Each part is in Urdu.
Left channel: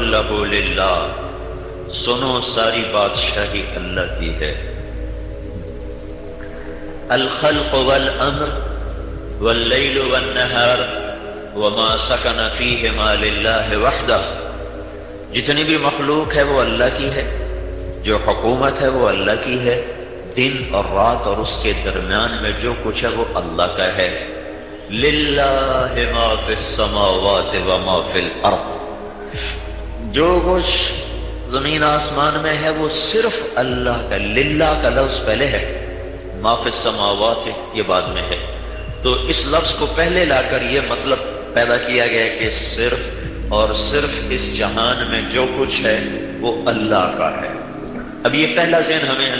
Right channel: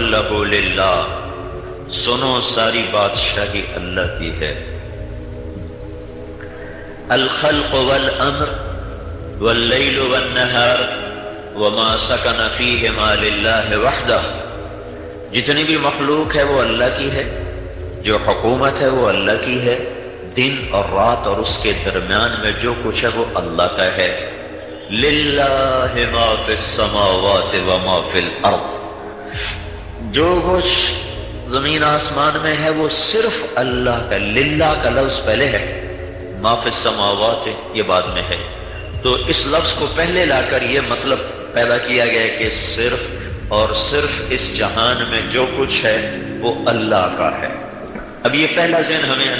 لہ للہ، سنو ساری بادشاہی اللہ کی ہے۔ الخلق والامر واللیل والنہار وما سکن فیہما للہ وحدہ، جتنی بھی مخلوق ہے وہ اللہ کی ہے، جو حکومت ہے وہ اللہ کی ہے، دن اور رات اور اس کے درمیان میں جو کچھ ہے وہ اللہ کا ہے۔ للہ ما فی السماوات وما فی الارض، جو کچھ زمین آسمان میں ہے وہ صرف اللہ کا۔ للہ کا لفظ پہلے ہے، ما فی السماوات یہ بعد میں ہے، تو اس لفظ کو پہلے لا کر یہ مطلب پیدا کیا گیا کہ صرف اور صرف اس جہان میں جو کچھ ہے وہ اللہ کا ہے۔ اب یہ پہلا ذہن ہمیں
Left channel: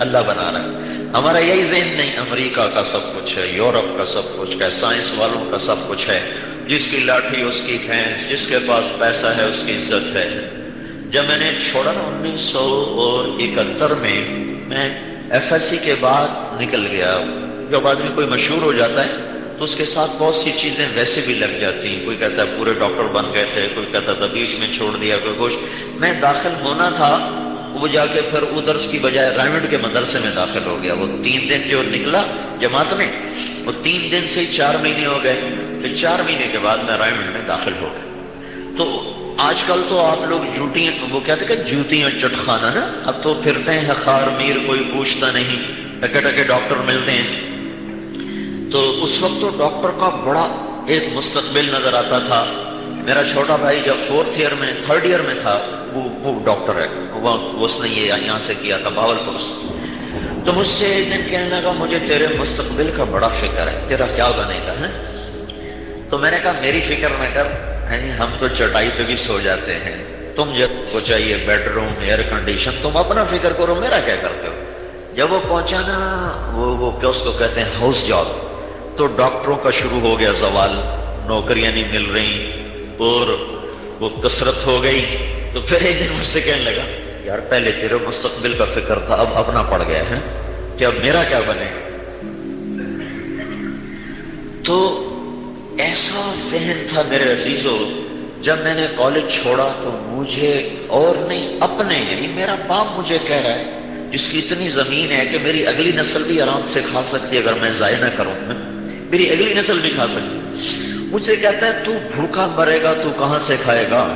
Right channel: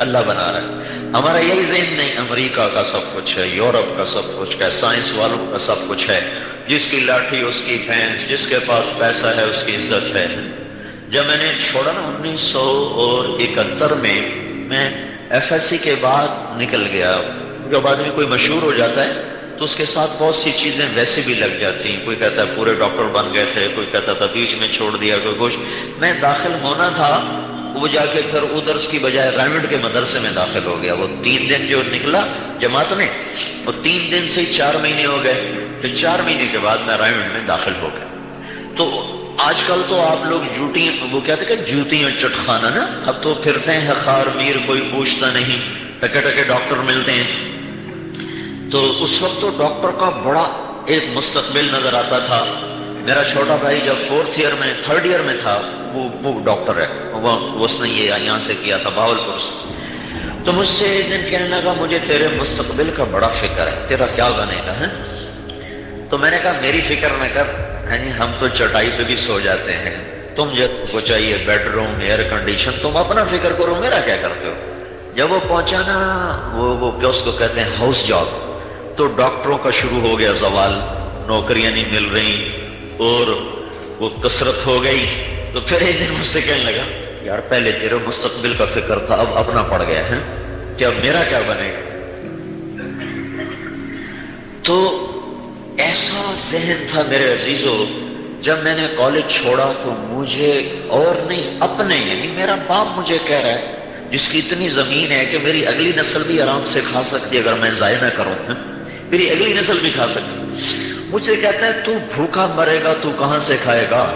اللہ بنا رہا ہے، ہمارا یہی ذہن نہیں۔ امریکہ کا سب کچھ ہے، یورپ کا سب کچھ ہے، سائنس والوں کا سب کچھ ہے، جس کی لاٹھی اس کی بھینس، جس کے پاس پیسہ ہے اس کی عزت ہے۔ جب میں نے چھوڑا نا 1971 میں ایف ایس سی کے بعد نکل گیا۔ جب آدمی کوئی مشہور ہو جاتا ہے تو اس کے ساتھ بہت سی چیزیں ویسے بھی لگ جاتی ہیں، کوئی کہتا ہے پورے ڈاکٹر بن گئے تھے، کوئی کہتا تھا بیچ میں چھوڑ دیا، کوئی کچھ۔ میں داخل ہونا تھا، وہ جا کے پھر ادرس کی بجائے رائمنڈ کے مدرسے میں داخل ہو گیا۔ وہ 3 دن جو نکلا جماعت میں، وہ 3 دن سے 4 مہینے ہو گئے، پھر 4 مہینے کے بعد میں رائمنڈ میں داخل ہو گیا۔ تو آج کل تو آپ لوگ وہ کہتے کہ جوتیاں چٹخانہ نا، اب تو پھرتے ہیں خار میر، کوئی پوچھتا نہیں، ٹکے ٹکے ڈاکٹر ملتے ہیں۔ تو اس وقت تو ڈاکٹر کا بڑا ایک مستقبل نظر آتا تھا۔ میرا چھوٹا بھائی جب 3rd ایئر میں تھا، وہ ڈاکٹر ہے، اس نے یہ یہاں سے کیا تھا بہاولپور سے۔ تو مجھ سے ایک دن کہنے لگا مجھے تیرے مستقبل کا بڑا فکر ہے، تیرا کیا بنے گا ہے؟ تو میں نے کہا میری فکر نہ کر، ہم تو چٹائی پہ بھی سو جاتے ہیں، تم کو چاہیے بیڈ روم، ایئر کنڈیشن، تم اپنا فکر کرو، میرا کیا کرتے ہو؟ جب وہ پہنچا نا وہ کیا اس کو کہتے ہیں ہاؤس جاب، تو ڈاکٹروں کا شروع ہو گیا زوال، نوکریاں نہیں مل رہی اور وہ کثرت ہو گئی۔ تو پھر ایک دن مجھ سے کہنے لگا یار پہلے تیرے مستقبل کا فکر تھا، اب اپنا پڑ گیا ہے کہ اب میرا کیا بنے گا؟ تو ایسا ذہن تھا میرے عزیزو۔ جب میں نے کالج چھوڑا تو مجھے اور نہیں اپنے، یعنی میرا باپ مجھے کہہ رہا ہے جس کی اتنی زمین ہے کہ میری اگلی نسل بھی آرام سے کھا سکتی ہے اگر میں ضائع نہ کروں، میری اگلی نسل بھی کھا سکتی۔ مجھ سے کہتا ہے تو بھوکا مرے گا، تو کہاں سے کھائے گا؟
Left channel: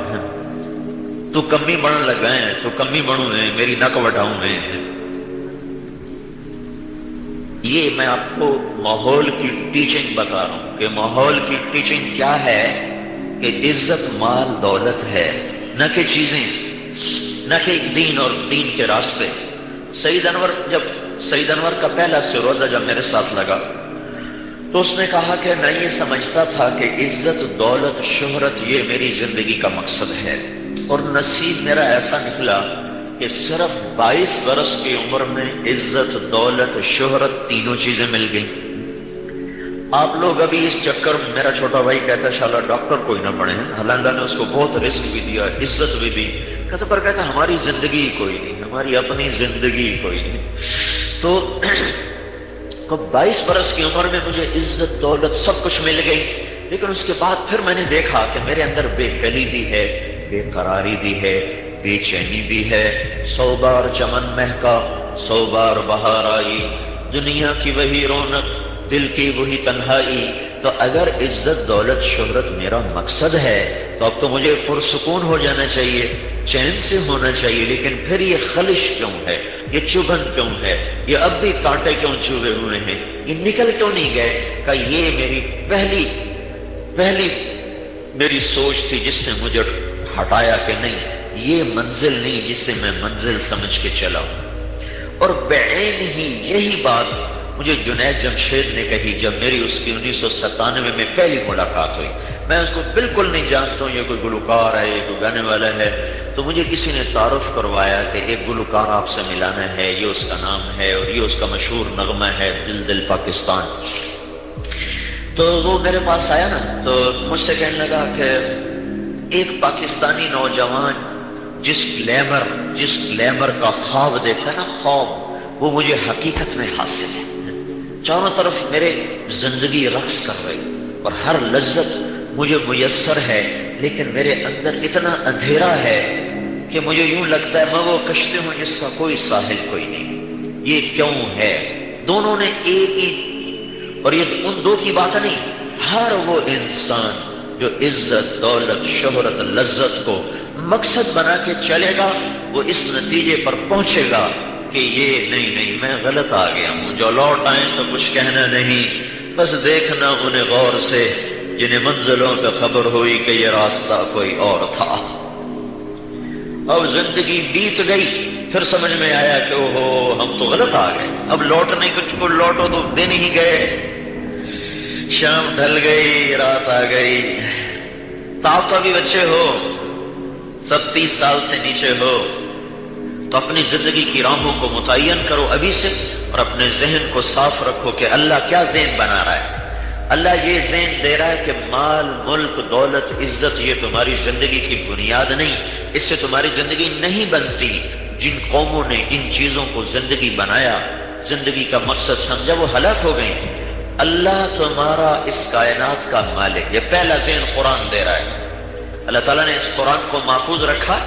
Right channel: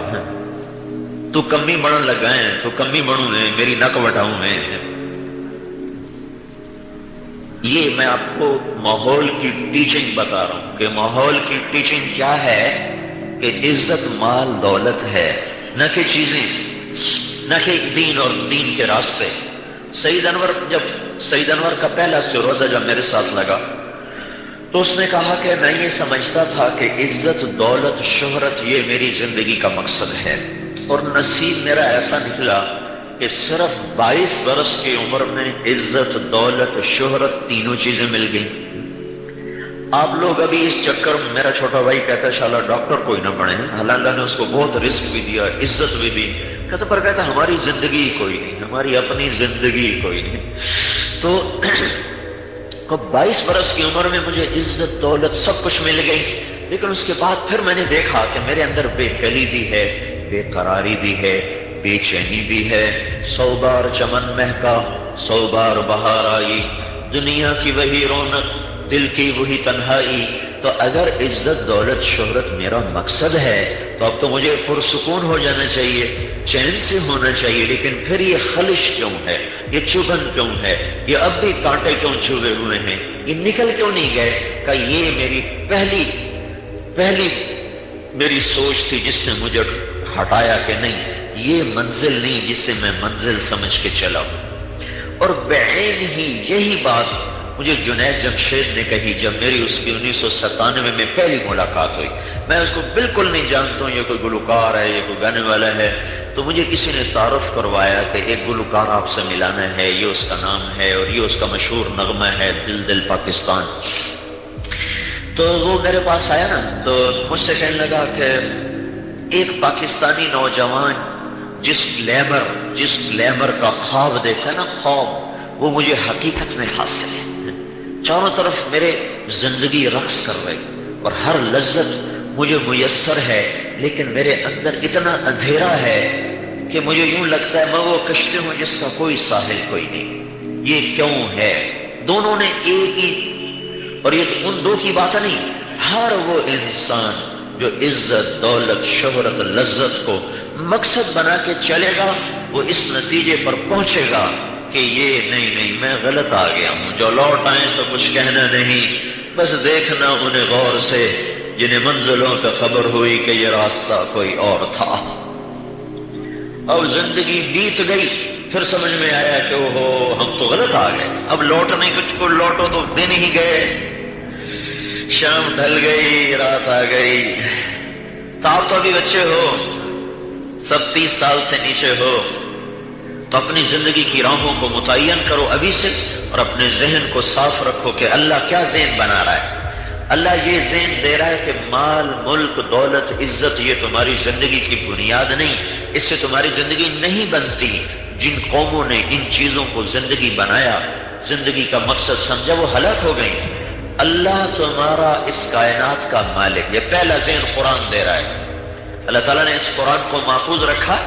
تو کمی بڑھن لگا ہے، تو کمی بڑھوں میں میری نک وٹاؤں میں۔ یہ میں آپ کو ماحول کی ٹیچنگ بتا رہا ہوں کہ ماحول کی ٹیچنگ کیا ہے کہ عزت مال دولت ہے، نہ کہ چیزیں، نہ کہ دین اور دین کے راستے۔ سعید انور کا پہلا روزہ جب میرے ساتھ لگا تو اس نے کہا کہ میں یہ سمجھتا تھا کہ عزت دولت شہرت یہ میری زندگی کا مقصد ہے، اور نصیب میرا ایسا نکلا کہ صرف 22 برس کی عمر میں عزت دولت شہرت تینوں چیزیں مل گئیں۔ آپ لوگ ابھی اس چکر، میرا چھوٹا بھائی کہتا ہے شالا ڈاکٹر کوئی نہ بنے، حالانکہ نے اس کو بہت رسک بھی دیا، عزت بھی دی، کہتا ہماری زندگی کوئی نہیں، ہماری اپنی زندگی کوئی نہیں۔ تو 22 برس کی عمر میں مجھے عزت دولت سب کچھ مل گئی، لیکن اس کے بعد پھر میں نے دیکھا کہ میرے اندر بے دلی بھی ہے، بے قراری بھی ہے، بے چینی بھی ہے۔ 100 بار چمن مہکا، 100 بار بہار آئی، دنیا کی وہی رونق، دل کی وہی تنہائی۔ تو اگر عزت دولت شہرت میرا مقصد ہے تو اب تو مجھے پرسکون ہو جانا چاہیے، چین سے ہونا چاہیے، لیکن پھر یہ خلش کیوں ہے، یہ چبھن کیوں ہے، یہ اب بھی کانٹے کیوں چوبے ہوئے ہیں، یہ نکل کیوں نہیں گئے؟ کہ یہ میری پہلی میری سوچ تھی جس نے مجھے ہٹایا کہ نہیں، یہ منزل نہیں جس سے میں منزل سمجھ کے چلا ہوں۔ اور بعین ہی یہی بات مجھے جنید جمشید نے کہی جب میری اس کی 1997 میں پہلی ملاقات ہوئی۔ میں اس کو بالکل نہیں جانتا ہوں، یہ کوئی گلوکار ہے، یہ کوئی گانے والا ہے، تو مجھے کسی نے تعارف کروایا کہ ایک گلوکار آپ سے ملانا ہے، یہ اس کا نام ہے اور یہ اس کا مشہور نغمہ ہے دل دل پاکستان۔ تو وہ میرے پاس آیا نا، تو مجھ سے کہنے لگا کہ ایک پاکستانی نوجوان جس گلیمر کا خواب دیکھا نا، خواب وہ مجھے حقیقت میں حاصل ہے۔ چاروں طرف میرے زندگی رقص کر رہی اور ہر لذت مجھے میسر ہے، لیکن میرے اندر اتنا اندھیرا ہے کہ مجھے یوں لگتا ہے میں وہ کشتی ہوں جس کا کوئی ساحل کوئی نہیں۔ یہ کیوں ہے؟ دونوں نے ایک ہی، اور یہ ان دو کی بات نہیں، ہر وہ انسان جو عزت، دولت، شہرت، لذت کو مقصد بنا کے چلے گا وہ اس نتیجے پر پہنچے گا کہ یہ نہیں میں غلط آ گیا ہوں، جو لوٹ آئیں تو کچھ کہنا نہیں، بس دیکھنا انہیں غور سے جنہیں منزلوں پہ خبر ہوئی کہ یہ راستہ کوئی اور تھا۔ اور زندگی بیت گئی، پھر سمجھ میں آیا کہ اوہو ہم تو غلط آ گئے، اب لوٹنے کچھ کو لوٹو تو دن ہی گئے، شام ڈھل گئی، رات آ گئی۔ تو آپ تو ابھی بچے ہو، 30 سال سے نیچے ہو، تو اپنی زندگی کی راہوں کو متعین کرو ابھی سے، اور اپنے ذہن کو صاف رکھو کہ اللہ کیا ذہن بنا رہا ہے۔ اللہ یہ ذہن دے رہا ہے کہ مال، ملک، دولت، عزت یہ تمہاری زندگی کی بنیاد نہیں، اس سے تمہاری زندگی نہیں بنتی۔ جن قوموں نے ان چیزوں کو زندگی بنایا، زندگی کا مقصد سمجھا، وہ ہلاک ہو گئیں۔ اللہ تمہارا اس کائنات کا مالک، یہ پہلا ذہن قرآن دے رہا ہے۔ اللہ تعالیٰ نے اس قرآن کو محفوظ رکھا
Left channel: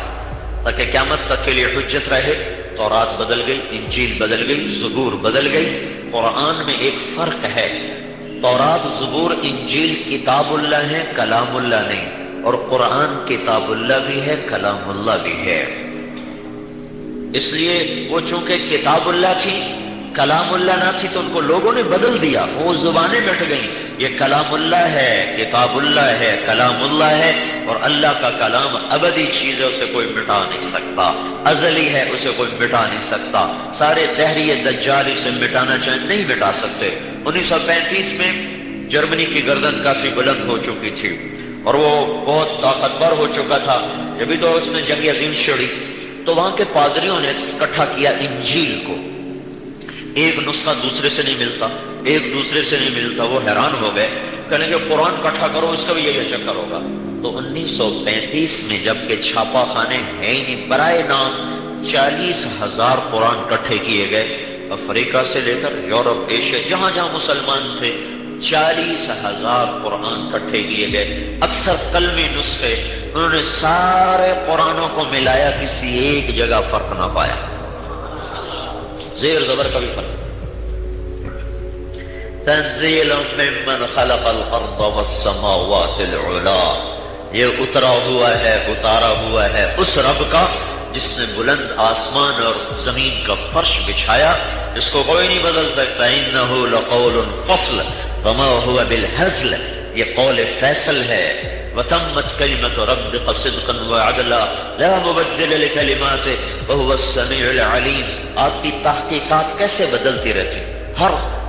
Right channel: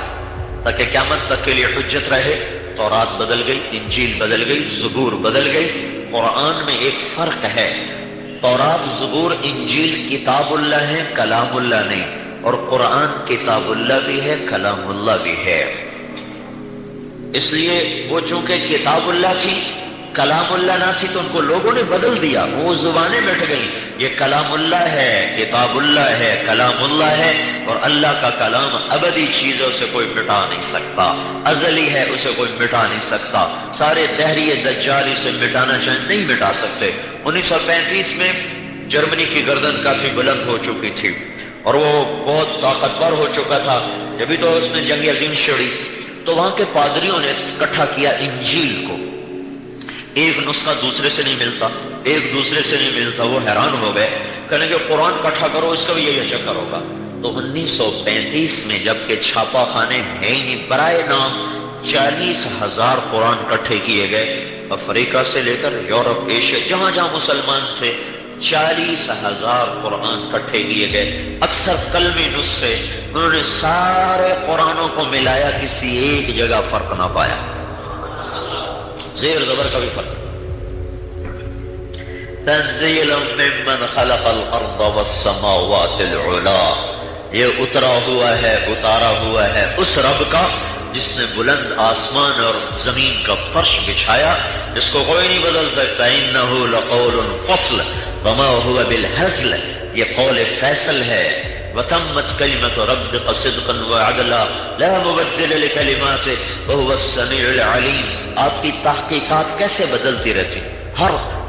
تاکہ قیامت تک کے لیے حجت رہے۔ تورات بدل گئی، انجیل بدل گئی، زبور بدل گئی، قرآن میں ایک فرق ہے، تورات، زبور، انجیل کتاب اللہ ہے، کلام اللہ نہیں، اور قرآن کتاب اللہ بھی ہے، کلام اللہ بھی ہے۔ اس لیے وہ چونکہ کتاب اللہ تھی، کلام اللہ نہ تھی، تو ان کو لوگوں نے بدل دیا، وہ زبانیں مٹ گئیں۔ یہ کلام اللہ ہے، کتاب اللہ ہے، کلام اللہ ہے، اور اللہ کا کلام ابدی چیزوں سے کوئی مٹا نہیں سکتا، ازلی ہے، اسے کوئی مٹا نہیں سکتا۔ سارے دہری دجال اسے مٹانا چاہیں نہیں مٹا سکتے۔ 1935 میں جرمنی کی گردن کافی بلند ہو چکی تھی اور وہ بہت طاقتور ہو چکا تھا، جبھی تو اس میں جنگ عظیم چھڑی، تو وہاں کے پادریوں نے اکٹھا کیا انجیل کو۔ ایک نسخہ دوسرے سے نہیں ملتا، ایک دوسرے سے نہیں ملتا، وہ حیران ہو گئے، کہنے کہ قرآن اکٹھا کرو، اس کا بھی یہی چکر ہوگا۔ تو 1935 میں جبکہ چھاپا خانے ہیں ہی نہیں، برائے نام 40,000 قرآن اکٹھے کیے گئے، افریقہ سے لے کر یورپ، ایشیا، جہاں جہاں مسلمان تھے 40,000 قرآن اکٹھے کیے گئے، اکثر کلمی نسخے، انہوں نے سارے قرآنوں کو ملایا، کسی ایک جگہ فرق نہ پایا، زیر زبر کا بھی فرق۔ تنزیل ممن خلق الارض والسماوات العلا، یہ اترا ہوا ہے، اتارا ہوا ہے اس رب کا جس نے بلند آسمان اور زمین کا فرش بچھایا، جس کو کوئی نہیں بدل سکتا۔ انہ لقول فصل وما هو بالهزل، یہ قول فیصل ہے۔ وتمت کلمۃ ربک صدقا وعدلا لا مبدل لکلماته وهو السمیع العلیم۔ آپ کی تحقیقات کیسے بدلتی رہتی ہیں،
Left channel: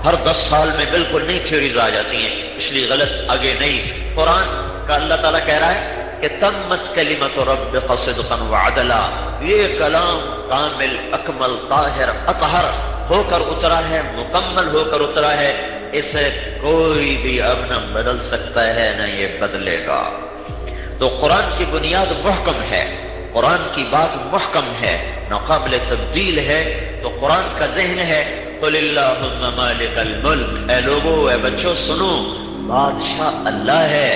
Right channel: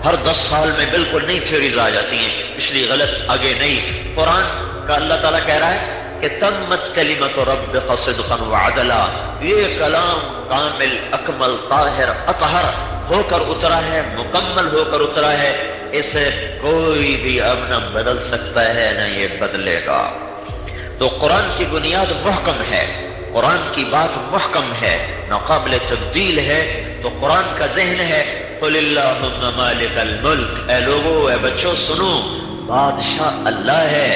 ہر 10 سال میں بالکل نئی تھیوریز آ جاتی ہیں، اس لیے غلط آگے نہیں۔ قرآن کا اللہ تعالیٰ کہہ رہا ہے کہ تمت کلمۃ ربک صدقا وعدلا، یہ کلام کامل، اکمل، طاہر، اطہر ہو کر اترا ہے، مکمل ہو کر اترا ہے، اسے کوئی بھی اب نہ بدل سکتا ہے نہ یہ بدلے گا۔ تو قرآن کی بنیاد محکم ہے، قرآن کی بات محکم ہے، ناقابل تبدیل ہے۔ تو قرآن کا ذہن ہے قل اللہم مالک الملک، اے لوگو، اے بچوں سنو، بادشاہ اللہ ہے۔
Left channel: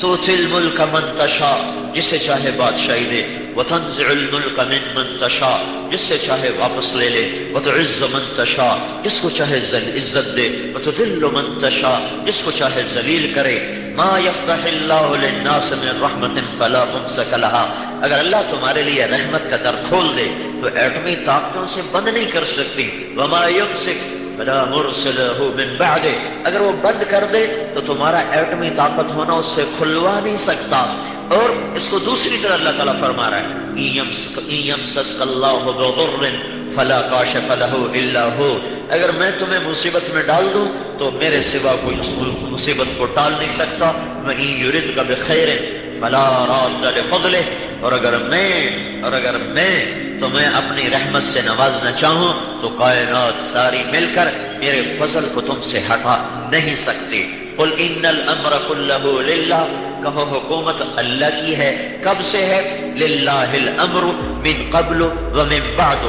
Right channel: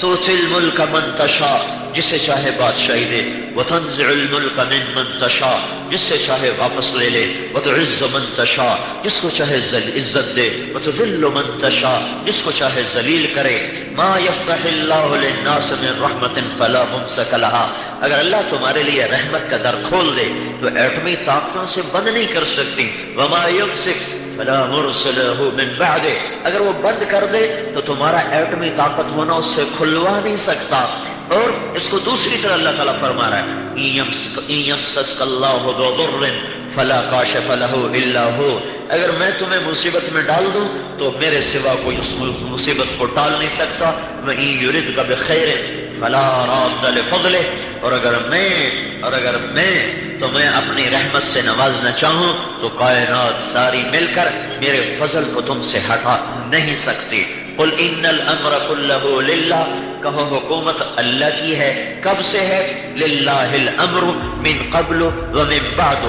تؤتی الملک من تشاء، جسے چاہے بادشاہی دے، وتنزع الملک ممن تشاء، جس سے چاہے واپس لے لے، وتعز من تشاء، جس کو چاہے عزت دے، وتذل من تشاء، جس کو چاہے ذلیل کرے۔ ما یفتح اللہ للناس من رحمت فلا ممسک لها، اگر اللہ تمہارے لیے رحمت کا در کھول دے تو ایٹمی طاقتوں سے بند نہیں کر سکتی۔ وما یمسک فلا مرسل له من بعدہ، اگر وہ بند کر دے تو تمہارا ایٹمی طاقت ہونا اس سے کھلوا نہیں سکتا۔ اور اس کو دوسری طرح اللہ تعالیٰ فرما رہا ہے ان یمسسک اللہ بضر فلا کاشف له الا هو، اگر میں تمہیں مصیبت میں ڈال دوں تو میرے سوا کوئی اس مصیبت کو ٹال نہیں سکتا۔ وَإِن يُرِدْكَ بِخَيْرٍ فَلَا رَادَّ لِفَضْلِهِ، اور اگر میں تمہیں اپنی رحمت سے نوازنا چاہوں تو کائنات ساری مل کر میرے فضل کو تم سے ہٹا نہیں سکتی۔ قل ان الامر كله للہ، کہو حکومت اللہ کی ہے۔ کب سے ہے؟ للہ الامر من قبل ومن بعد،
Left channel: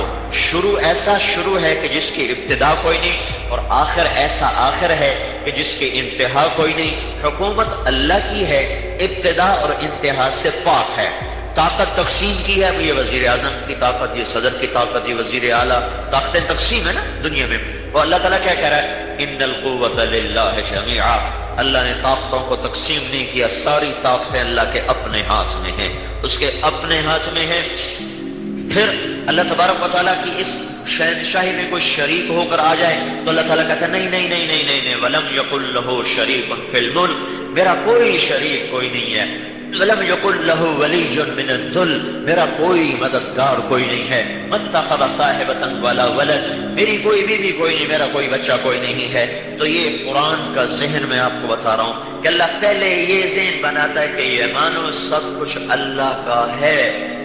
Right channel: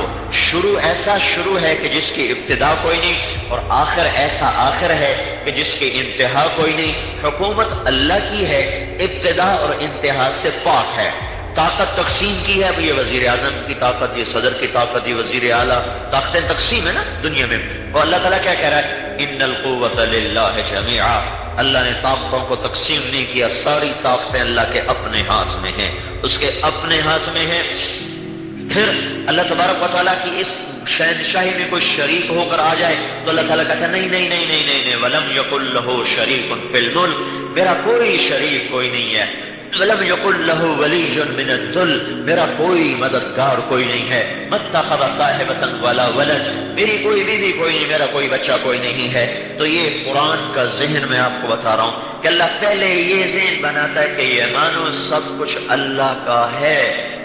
ایسا شروع ہے کہ جس کی ابتدا کوئی نہیں، اور آخر ایسا آخر ہے کہ جس کی انتہا کوئی نہیں. حکومت اللہ کی ہے، ابتدا اور انتہا سے پاک ہے. طاقت تقسیم کی ہے، اب یہ وزیر اعظم کی طاقت، یہ صدر کی طاقت، یہ وزیر اعلیٰ، طاقتیں تقسیم ہے نا دنیا میں. اور اللہ تعالیٰ کیا کہہ رہا ہے؟ ان القوت للہ جمیعا. اللہ نے طاقتوں کو تقسیم نہیں کیا، ساری طاقتیں اللہ کے اپنے ہاتھ میں ہیں، اس کے اپنے ہاتھ میں ہیں. پھر اللہ تبارک و تعالیٰ کی اس شہنشاہی میں کوئی شریک ہو کر آ جائے تو اللہ تعالیٰ کہتا ہے نہیں نہیں نہیں نہیں نہیں نہیں وَلَمْ يَقُلْ لَهُ شَرِيكٌ فِي الْمُلْكِ. میرا کوئی شریک کوئی نہیں ہے. وَلَمْ يَقُلْ لَهُ وَلِيٌّ مِّنَ الذُّلِّ. میرا کوئی مددگار کوئی نہیں ہے. مَتَّخَذَ صَاحِبَةً وَلَا وَلَدٍ. میری کوئی بیوی کوئی نہیں، میرا کوئی بچہ کوئی نہیں ہے. تو یہ قرآن کا ذہن میں آپ کو بتا رہا ہوں کہ اللہ پہلے یہ ذہن بناتا ہے کہ یہ مانو سب کچھ اللہ کا ہے.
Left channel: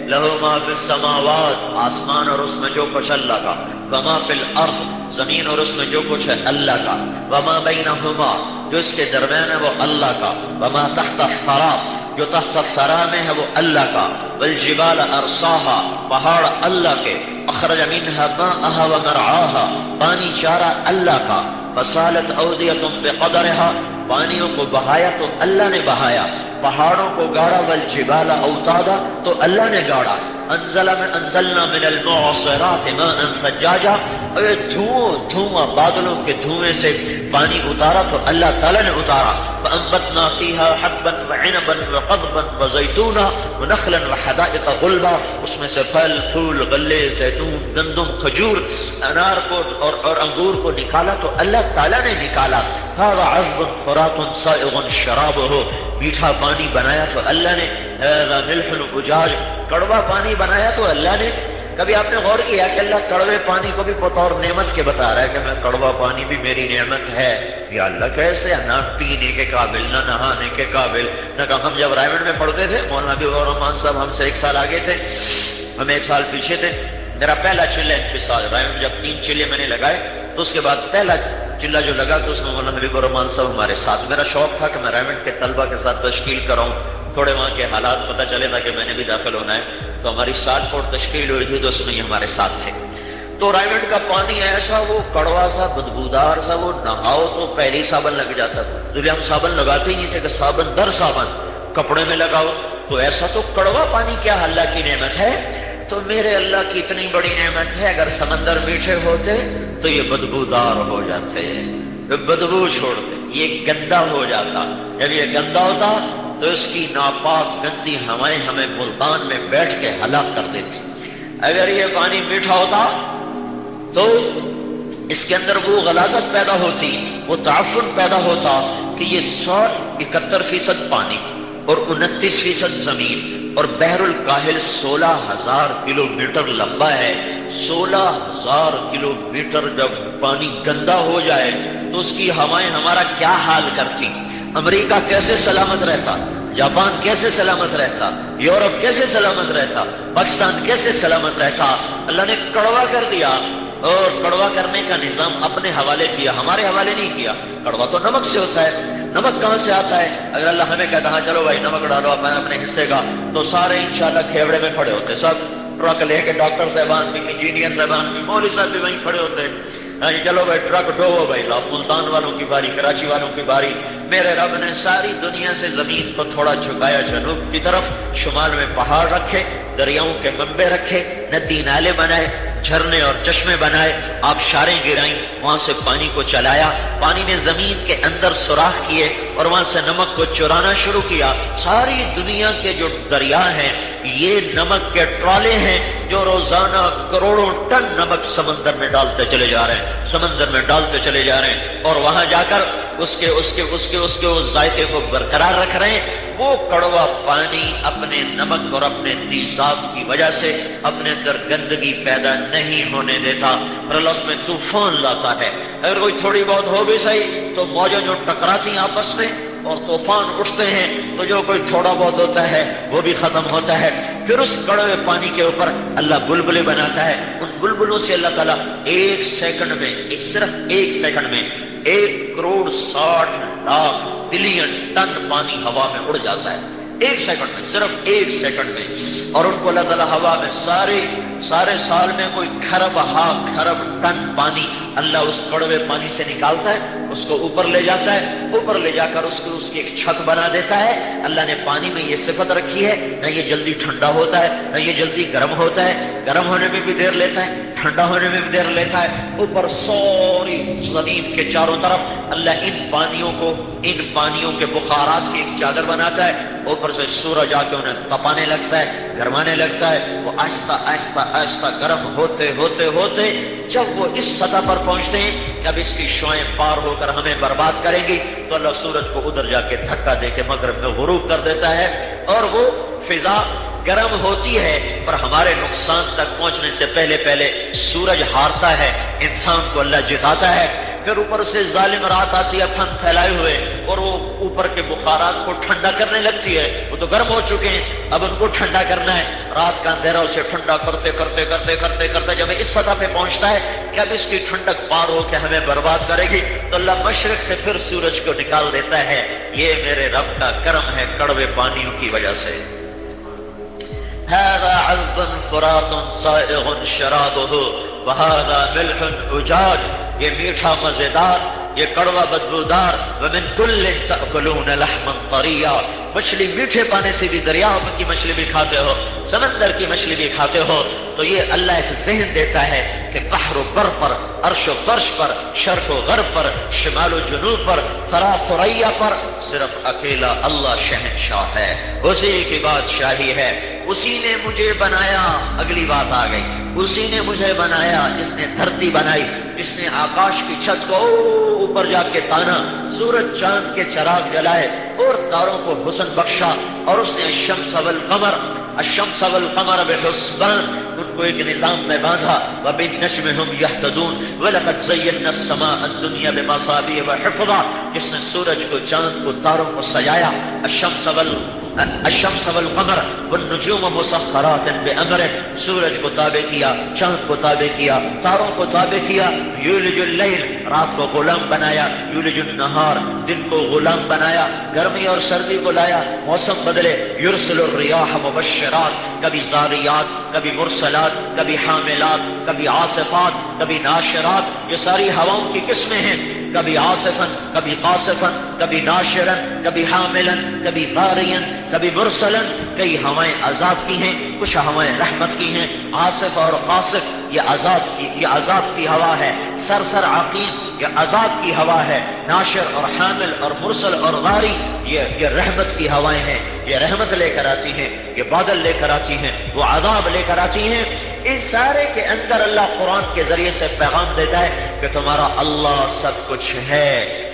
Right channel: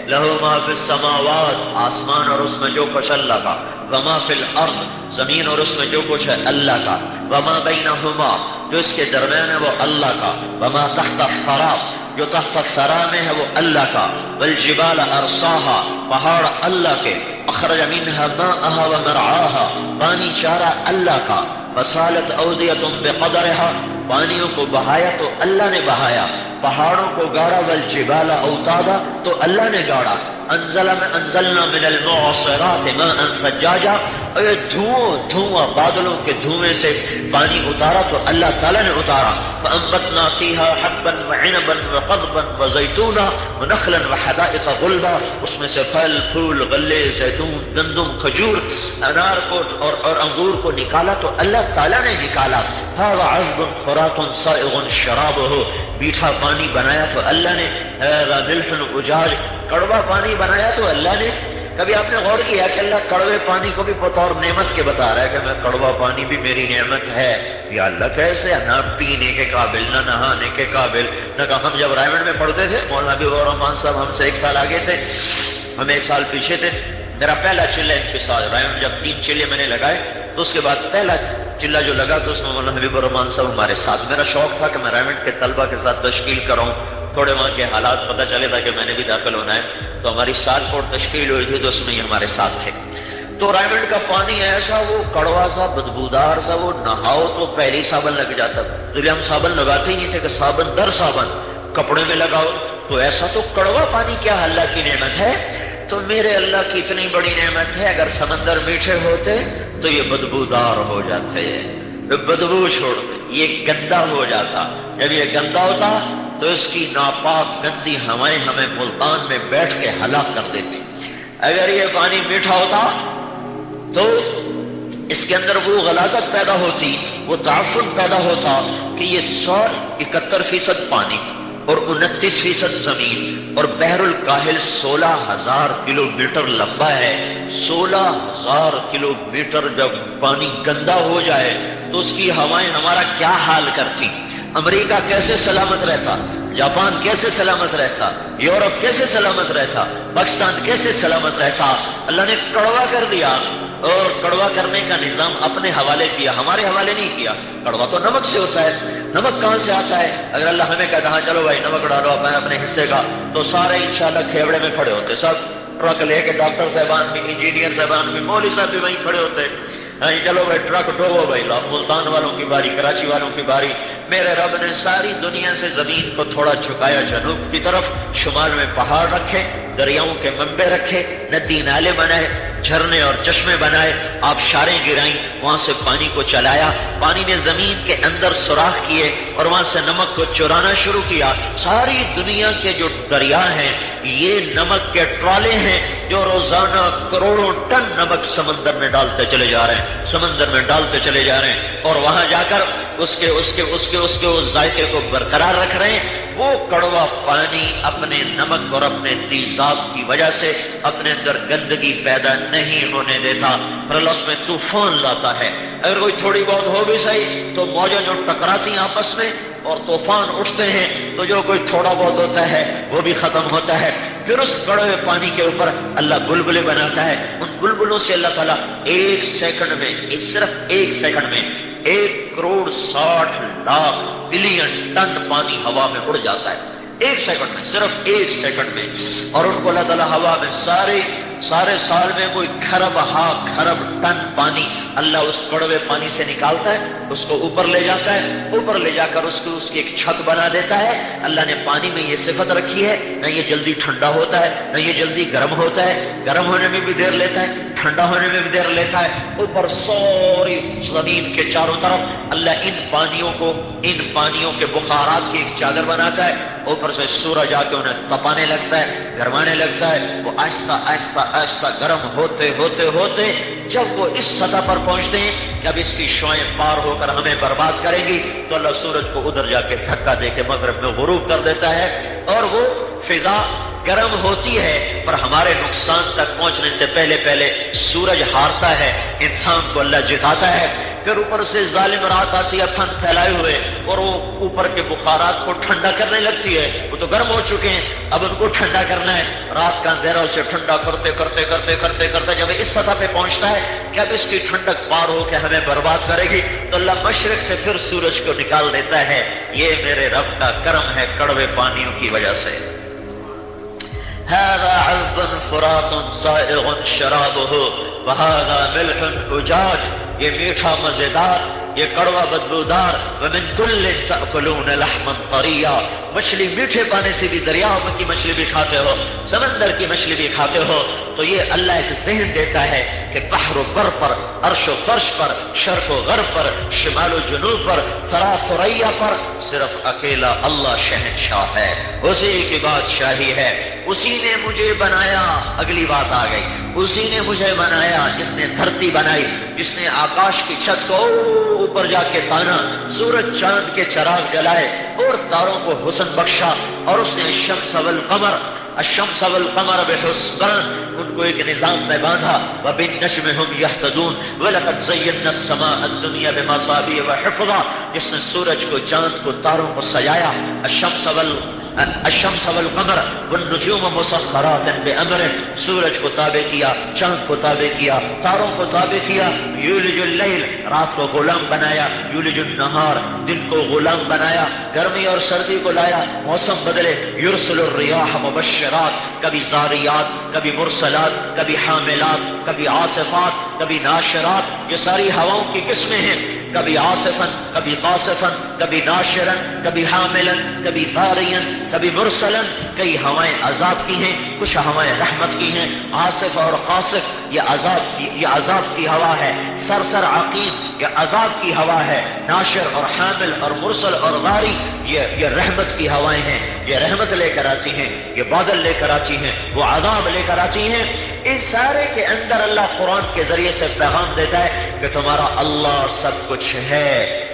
لہو ما فی السماوات، آسمان اور اس میں جو کچھ اللہ کا، وما فی الارض، زمین اور اس میں جو کچھ ہے اللہ کا، وما بینہما، جو اس کے درمیان ہے وہ اللہ کا، وما تحت الثری، جو تحت الثری میں ہے وہ اللہ کا، والجبال ارساہا، پہاڑ اللہ کے، اخرج منہا ماءہا ومرعاہا، پانی چارہ اللہ کا، فسالت اودیۃ بقدرہا، پانیوں کو بہایا تو اللہ نے بہایا، پہاڑوں کو گاڑا، والجبال اوتادا، تو اللہ نے گاڑا، انزلنا من المعصرات ماء ثجاجا، اور دھواں بادلوں کے دھوئیں سے پانی اتارا تو اللہ تعالیٰ نے اتارا. فانبتنا فيها حبا وعنبا وقضبا وزيتونا ونخلا وحدائق غلبا، اس میں سے پھل پھول غلے زیتون گندم کھجور انار کو اور انگور کو نکالا تو اللہ تعالیٰ نے نکالا. هذا عذب فراق سائغ شرابه، میٹھا پانی بنایا تو اللہ نے. هذا ملح اجاج، کڑوا پانی بنایا تو اللہ نے. کبھی آپ نے غور کیا کہ اللہ کڑوے پانی کو بھی بطور نعمت کے بتا رہا ہے کہ میں کڑوا پانی بھی میری نعمت ہے؟ یا اللہ کیسے؟ نہ پینے کے قابل، نہ نہانے کے قابل. نہ کہ ہم جب رائمنڈ میں پڑھتے تھے، مولانا حبیب الرحمان صاحب ہم سے 1 سال آگے تھے، ہم 1 سال پیچھے تھے. میرا پہلا چلہ انفصال رائمنڈ، جب 3 چلے میں نے لگائے تو اس کے بعد پہلا چلہ جو لگا تو اس میں مولانا حبیب الرحمان صاحب ہمارے ساتھ. میرا شوق تھا کہ میں رائمنڈ کے طلبہ کے ساتھ تشکیل کراؤں، تھوڑے وہاں کے حالات پتہ چلے تھا کہ میں نے بھی داخل ہونا ہے. تو ہماری 7 فٹ تشکیل ہوئی تھی تو اس میں ہمارے ساتھ تھے. تو رائمنڈ کا پانی ایسا وہ کڑوا سا بدبودار سا، وہ نہاؤ تو پہلی صابن لگ جاتا تھا. تو ہم صابن لگاتے ہی نہیں تھے کہ صابن در صابن کپڑے میں لگاؤ. تو ایسا تو کڑوا پانی کیا اللہ کی نعمت ہے؟ تو میرے اللہ کی اتنی بڑی نعمت ہے، اگر سمندر میٹھے ہوتے تو یہ بدبودار ہو جاتے ہیں، بدبو چھوڑ یہ گندا ہو جاتا. جب یہ گندا ہوتا تو اس کی ناپاک گندی ہوائیں ہمیں ملتان میں بیٹھ کے ہلاک کر دیتی. اگر یہ پانی میٹھا ہوتا تو اس کے اندر وہ غلاظت پیدا ہوتی، وہ تعفن پیدا ہوتا کہ یہ 171% پانی اور 29% زمین اور بحر الکاہل 16,000 کلومیٹر لمبا ہے. 16,000 کلومیٹر جب پانی گندا ہو جائے تو اس کی ہوائیں ہمارا کیا حال کرتی. امریکہ کیسے سلامت رہتا، جاپان کیسے سلامت رہتا، یورپ کیسے سلامت رہتا، پاکستان کیسے سلامت رہتا. اللہ نے کڑوا کر دیا، اور کڑوا کرنے کا نظام اپنے حوالے کیا، ہمارے حوالے نہیں کیا. کڑوا تو نمک سے ہوتا ہے. نمک کہاں سے آتا ہے؟ اگر اللہ ہمیں کہتا ہے چلو بھائی نمک ڈالو اپنے حصے کا، تو سارے انشاءاللہ کھیوڑے میں کھڑے ہوتے، سب ٹرک لے کے، ڈاکٹر صاحبان بھی، انجینئر صاحبان بھی، مولوی صاحب بھی وہیں کھڑے ہوتے. چلو بھائی ٹرک ڈھوو بھائی، ملتان والوں کی باری، کراچی والوں کی باری. میرے رب نے ساری دنیا سے زمین کو تھوڑا جھکایا جنوب کی طرف، شمال میں پہاڑ رکھے، دریاؤں کے منبع رکھے، ندی نالے بنائے، جھرنے اور چشمے بنائے، آپ سارے گرائیں، وہاں سے پانی کو چلایا، پانی نے زمین کے اندر سوراخ کیے اور وہاں سے نمک کو چرانا شروع کیا. ساری دنیا کے جو دریا ہیں یہ نمک کے ٹرالے ہیں جو روزانہ کروڑوں ٹن نمک سمندر میں ڈالتے چلے جا رہے ہیں، سمندر میں ڈالتے چلے جا رہے ہیں، اور وہاں جا کر اس کے ذائقے کو برقرار رکھ رہے ہیں. وہ کڑوا پانی اپنے نمک اور اپنے تیزاب کی وجہ سے اپنے اندر گندگی پیدا نہیں ہونے دیتا، اور اللہ اس میں طوفان لاتا ہے. اگر کوئی تھوڑی بہت ہو بھی صحیح تو موجیں جو ٹکراتی ہیں آپس میں اور طوفان اٹھتے ہیں تو جو کوئی تھوڑا بہت ہوتا ہے وہ بھی ختم ہوتا ہے. پھر اس کڑوے پانی کے اوپر اللہ بلبلے بناتا ہے. ان بلبلوں سے اللہ تعالیٰ 1 سیکنڈ میں، صرف 1 سیکنڈ میں 1,60,00,000 بلین ٹن پانی ہوا میں اڑ جاتا ہے. 1 سیکنڈ میں، صرف 1 سیکنڈ میں. اور ان کو اللہ تعالیٰ ہوا میں سارے سال میں کوئی کھرب ٹن پانی اللہ اس کڑوے پانی سے نکالتا ہے، اس کو اوپر لے جاتا ہے، اوپر لے جا کر اس کی ایک چھت بنا دیتا ہے۔ اللہ نے پانی میں یہ صفت رکھی ہے، نہ یہ جلدی ٹھنڈا ہوتا ہے نہ یہ جلدی گرم ہوتا ہے، گرم ہونے میں بھی دیر لیتا ہے، ٹھنڈا ہونے میں بھی دیر لیتا ہے۔ اوپر سوری زمین کے چاروں طرف اللہ ان پانیوں کے بخارات کی ایک چادر بناتا ہے، اوپر سے سورج آ کے انہیں تپانے لگتا ہے، گرمانے لگتا ہے۔ وہ آہستہ آہستہ آہستہ گرم ہوتے ہوتے ہوتے جب وہ اس سطح پر پہنچتے ہیں، جب اس کی شعاعیں پار ہو کر ہمیں برباد کریں گی، تو اللہ سورج کو ادھر جا کے دھکا دے کے مغرب میں غروب کر دیتا ہے، اور وہ فضا گرم ہوتی ہے پر ہمارے نقصان تک پہنچنے سے پہلے پہلے سورج ہارتا ہے، انسان کو اللہ جتاتا ہے۔ پھر اوپر سے ظالم رات آتی ہے پھن پھیلائے ہوئے، اور وہ اوپر کے بخارات کو ٹھنڈا کرنے لگتی ہے۔ وہ تو گرم ہو چکے ہیں، اب ان کو ٹھنڈا کرنا ہے۔ رات کا اندھیرا اسے ٹھنڈا کرتے کرتے کرتے کرتے کرتے جب اس سطح پہ پہنچتا ہے کہ اب اس کی ٹھنڈک پار ہو کے ہمیں برباد کرے گی، تو اللہ مشرق سے پھر سورج کو نکال دیتا ہے۔ یہ میرے رب کا کرم ہے کڑوے پانیوں کی وجہ سے۔ هذا عذب فرات سائغ شرابه وهذا ملح اجاج، یہ میٹھا مزیدار، یہ کڑوا بدبودار۔ ومن كل تأكلون لحما طريا، مچھلی میٹھے پانی سے بھی، دریا کی مچھلی بھی کھاتے ہو، سمندر کی مچھلی بھی کھاتے ہو۔ تو یہ اللہ ایک ذہن دیتا ہے کہ بحر و بر پر، عرش و فرش پر، شرق و غرب پر، شمال و جنوب پر، ثرا ثریا پر صرف اکیلا اللہ شہنشاہ ہے، اسی کی بادشاہی ہے۔ اسی نے مجھے بنایا، اگلی بات آ گئی، اسی نے مجھے بنایا جس نے دھرتی بنائی، جس نے آکاش کی چھت کو اوپر جا کے تانا، سورج چاند کے چراغ جلائے اور تاروں کو حسن بخشا، اور اس نے الشمس والقمر بحسبان، ان کو ایک نظام میں باندھا۔ وبالنجم هم يهتدون ولقد زينا السماء الدنيا بمصابيح وحفظا، جس نے سورج کو، چاند کو، تاروں کو سجایا۔ الشمس والقمر والنجوم مسخرات بأمره، سورج کو تابع کیا، چاند کو تابع کیا، تاروں کو تابع کیا۔ یولج اللیل، رات کو غلام بنایا، یولج النہار، دن کو غلام بنایا، گرمی اور سردی کو لایا، موسم بدلے۔ یرسل الریاح مبشرات، کبھی زاریات، کبھی مرسلات، کبھی حاملات، کبھی عاصفات، کبھی ناشرات، یہ ساری ہواؤں کی قسمیں ہیں، کبھی عاصفن، کبھی قاصفن، کبھی ناشرن، کبھی حاملن، کبھی غارین، کبھی مرسلن۔ کئی ہوائیں عذاب کی ہیں، کچھ ہوائیں رحمت کی ہیں۔ عاصف اور قاصف یہ عذاب کی ہوا ہے، سرسر عقیم یہ عذاب کی ہوا ہے، ناشر اور حامل اور مرسل اور غاری یہ رحمت کی ہوائیں ہیں، یہ رحمت لے کر آتی ہیں، یہ بادل لے کر آتی ہیں، وہ عذاب لے کر آتی ہیں۔ اس سارے کے اندر اللہ قرآن کے ذریعے سے پیغام دیتا ہے کہ تمہارا اللہ سب کچھ ہے،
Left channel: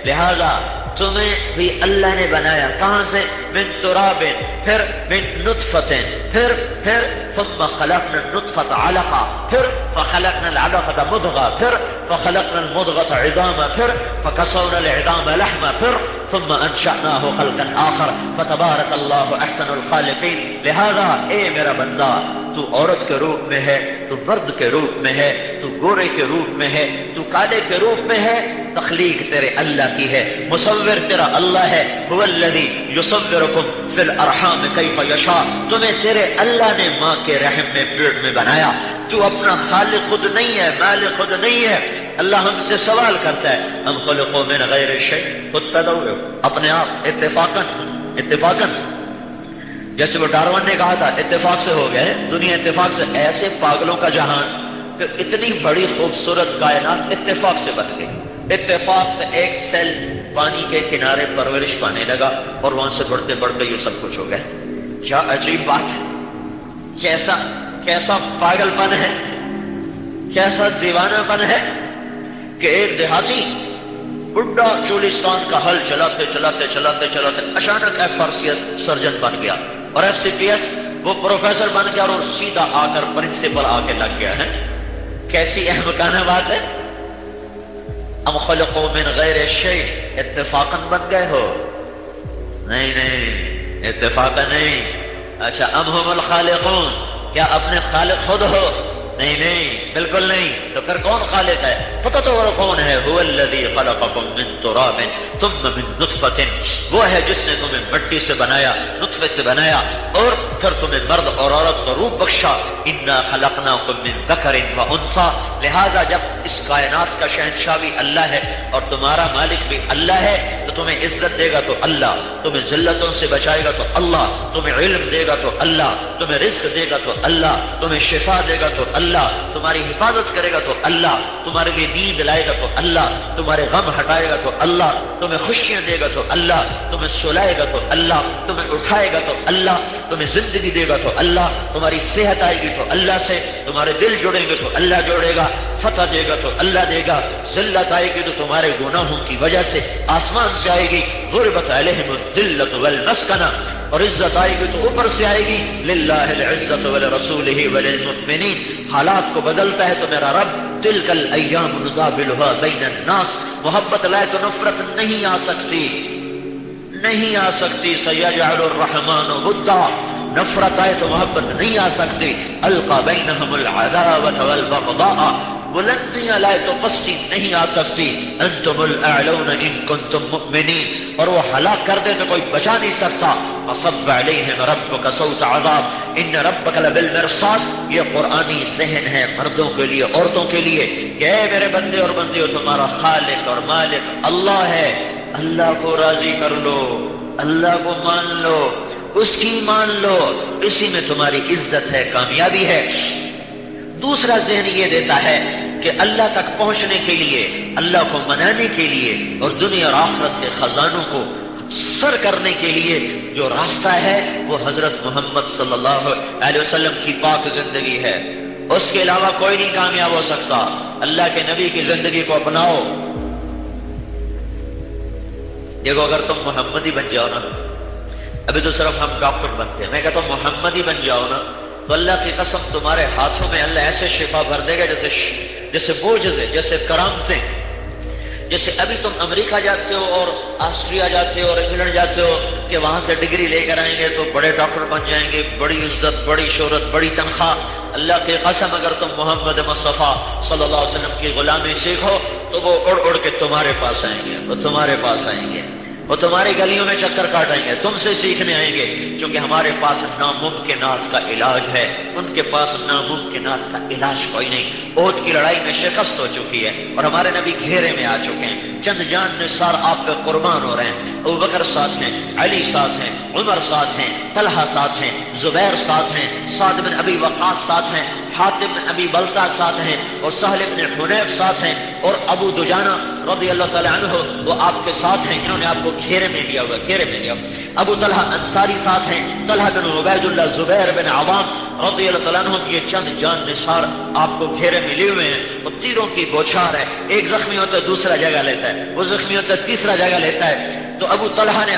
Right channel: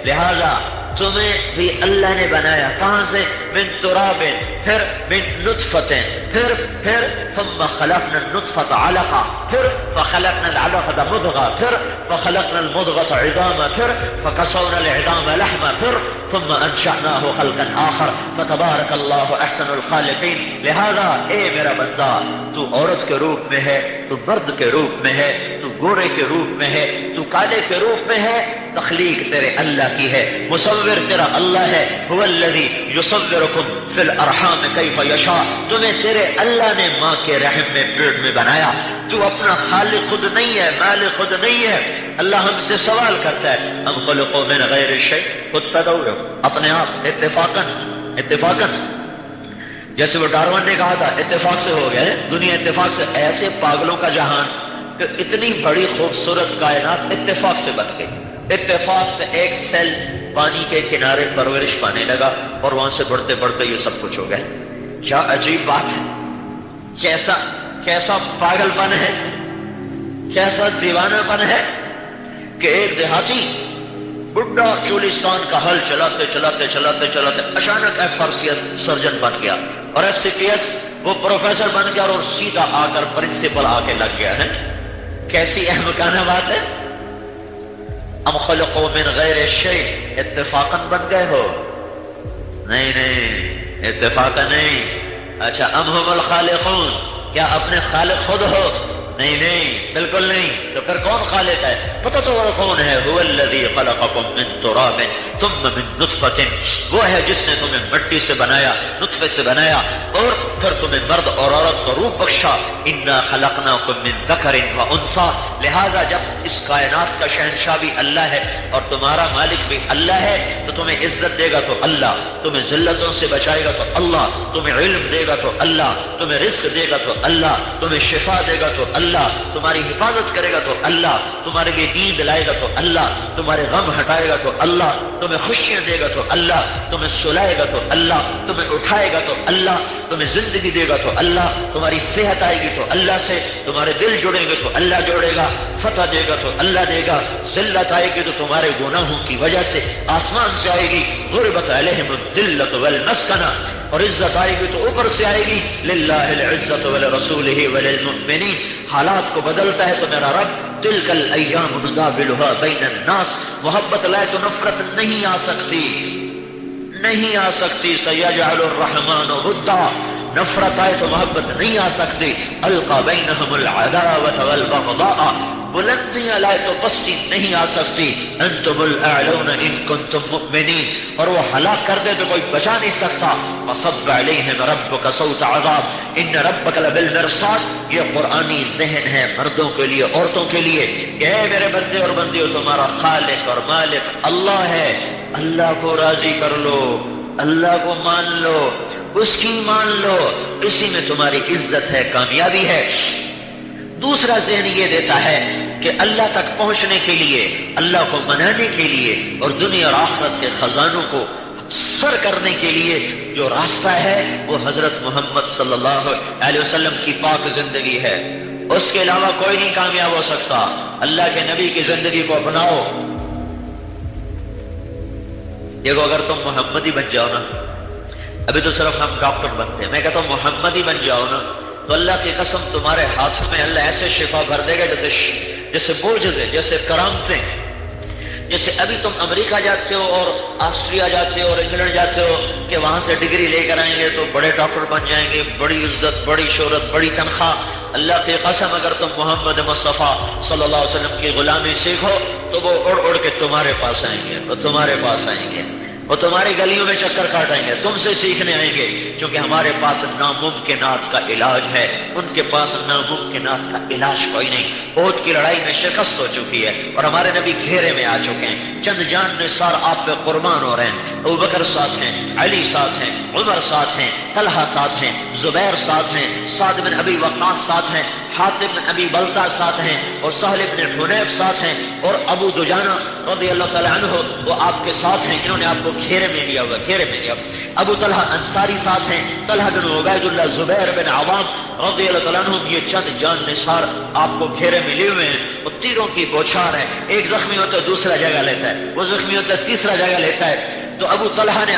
لہذا تمہیں بھی اللہ نے بنایا۔ کہاں سے؟ من تراب، پھر من نطفت، پھر ثم خلقنا النطفة علقة، پھر فخلقنا العلقة مضغة، پھر فخلقنا المضغة عظاما، پھر فكسونا العظام لحما، پھر ثم انشأناه خلقا آخر فتبارك الله احسن الخالقين۔ لہذا اے میرا بندہ، تو عورت کے روپ میں ہے، تو مرد کے روپ میں ہے، تو گورے کے روپ میں ہے، تو کالے کے روپ میں ہے، تخلیق تیرے اللہ کی ہے، مصور تیرا اللہ ہے۔ هو الذی یصورکم فی الارحام کیف یشاء، تمہیں تیرے اللہ نے ماں کے رحم میں پیٹ میں بنایا، تو اپنا خالق خود نہیں ہے، مالک خود نہیں ہے۔ اللہ ہم سے سوال کرتا ہے، ام خلقوا من غیر شیء، خود پیدا ہوئے اپنے آپ اتفاقاً، جیسے وہ ڈارون نے کہا تھا اتفاق سے ہو گئے، دنیا اتفاق سے۔ ایسے پاگلوں کا جہان کہ اتنی بڑی خوبصورت کائنات اتفاق سے بن گئی، اتفاق سے ایک سیل پانی کے کنارے پرورش پانے لگا اور وہاں سے بڑھتے بڑھتے یہ سب کچھ ہو گیا۔ کیا عجیب بات ہے، کیسا پاگل پن ہے، کیسا دیوانہ پن ہے کہ ایک دیہاتی بڈھا چولستان کا حل چلاتے اچانک FRCS سرجن بن گیا، اور FCPS وہ پروفیسر بن گیا، اور سیدھا آ کر پرنسپل آ کے لگ گیا ہے۔ کیسی احمقانہ بات ہے۔ ام خلقوا من غیر شیء، اتفاقاً بن گئے ہو؟ نہیں، اتفاقاً نہیں۔ اچھا، ام ہم الخالقون، کیا اپنے خالق خود ہو؟ نہیں، بالکل نہیں۔ تو پھر کون خالق ہے؟ پتہ تو وہ کون ہے؟ هو الذی خلقکم من تراب ثم من نطفۃ، وہ ہے جس نے تمہیں مٹی سے بنایا، نطفے سے بنایا، اور پھر تمہیں مرد اور عورت کو روح بخشا، انا خلقناکم من ذکر و انثی، لہذا جب اس کائنات کا شہنشاہ بھی اللہ ہے اور تمہارا مالک بھی اللہ ہے تو تمہیں عزت دے گا تو اللہ، تمہیں ذلتوں سے بچائے گا تو اللہ، تمہیں علم دے گا تو اللہ، تمہیں رزق دے گا تو اللہ، تمہیں شفا دے گا تو اللہ، تمہاری حفاظت کرے گا تو اللہ، تمہارے لیے نیند لائے گا تو اللہ، تمہارے غم ہٹائے گا تو اللہ، تمہیں خوشیاں دے گا تو اللہ، تمہیں سلائے گا تو اللہ، تمہیں اٹھائے گا تو اللہ، تمہیں زندگی دے گا تو اللہ، تمہاری صحت آئے گی تو اللہ سے، تمہارے دل جڑیں گے تو اللہ جوڑے گا، فتح دے گا تو اللہ دے گا، ذلت آئے گی تو تمہارے گناہوں کی وجہ سے آسمان سے آئے گی، ضربت علیہم الذلۃ والمسکنہ، اور عزت آئے گی تو اوپر سے آئے گی، للہ العزۃ ولرسولہ وللمؤمنین، حالات کو بدلتا ہے تو میرا رب، تلک الایام نداولها بین الناس، محبت لائے تو نفرت نہیں آ سکتی، نہیں آ سکتی، سیجعل الرحمن ودا، نفرت آئے تو محبت نہیں آ سکتی، القی بینہم العداوۃ والبغضاء، بلندیاں لائے تو پستی نہیں آ سکتی، انتم الاعلون ان کنتم مؤمنین، اور وہ ہلاک کر دے تو کوئی بچا نہیں سکتا، فصب علیہم ربک صوت عذاب ان ربک لبالمرصاد، یہ قرآنی ذہن ہے مردوں کے لیے، عورتوں کے لیے، کہ اے میرے بندے اور بندیوں، تمہارا خالق اور مالک اللہ ہے، اللہ کو راضی کر لو، اللہ کو مان لو، اس کی مان لو، اسی میں تمہاری عزت ہے، کامیابی ہے۔ دوسرا ذہن یہ دیتا ہے کہ اللہ تک پہنچنے کے لیے، اللہ کو منانے کے لیے اور دنیا اور آخرت کے خزانوں کو سر کرنے کے لیے جو راستہ ہے وہ حضرت محمد صلی اللہ علیہ وسلم کی پاک زندگی ہے، اس کے علاوہ کوئی نہیں کامیاب ہو سکتا۔ اللہ کے نبی کی زندگی کو اپناؤ۔ دیکھو، اگر تم محمدی بن جاؤ نا، ابھی تو صرف ہم ڈاکٹر بنتے ہیں، میں کہتا ہوں محمدی بن جاؤ نا تو اللہ کی قسم تمہارے ہاتھوں میں اللہ ایسے شفا بھر دے گا جیسے بوجھے، جیسے کرامتیں، جیسے ابھی تم امریکہ جاتے ہو اور آسٹریا جاتے ہو اور انگلینڈ جاتے ہو کہ وہاں سے ڈگری لے کر آئیں گے تو بڑے ڈاکٹر بن جائیں گے، بڑی عزت، بڑی شہرت، بڑی تنخواہ۔ اللہ کی قسم اگر تم محمد مصطفیٰ صلی اللہ علیہ وسلم کی غلامی سیکھو تو وہ اڑ اڑ کے تمہارے پاس آئیں گے، وہ تمہارے پاس آئیں گے، وہ تمہاری گلیوں میں چکر کاٹیں گے، تم سے سیکھنے آئیں گے، کیونکہ ہمارے پاس ناممکنات کا علاج ہے، ان کے پاس ناممکنات کا علاج کوئی نہیں۔ احد کی لڑائی میں شکست ہو چکی ہے اور ہمارے نبی گھیرے میں آ چکے ہیں، چند جان نثار آپ پہ قربان ہو رہے ہیں، ابوبکر ساتھ ہیں، علی ساتھ ہیں، عمر ساتھ ہیں، طلحہ ساتھ ہیں، زبیر ساتھ ہیں، سعد بن ابی وقاص ساتھ ہیں، حاتم بن ابی بلتع ساتھ ہیں، اور سہل بن حنیف ساتھ ہیں، اور ابو دجانہ رضی اللہ تعالی عنہ وہ آپ کے ساتھ ہیں، انہوں نے آپ کو گھیرے میں لیا ہوا، گھیرے میں لیا۔ ابو طلحہ انصاری ساتھ ہیں، طلحہ بن عبید اللہ، زبیر بن عوام رضی اللہ تعالیٰ عنہ، یہ چند جان نثار آپ کو گھیرے میں لیے ہوئے ہیں، وہ تیروں کی بوچھار ہے، ایک زخمی ہوتا ہے دوسرا جگہ لیتا ہے، وہ زخمی ہوتا ہے تیسرا جگہ لیتا ہے۔ تو ابو طلحہ نے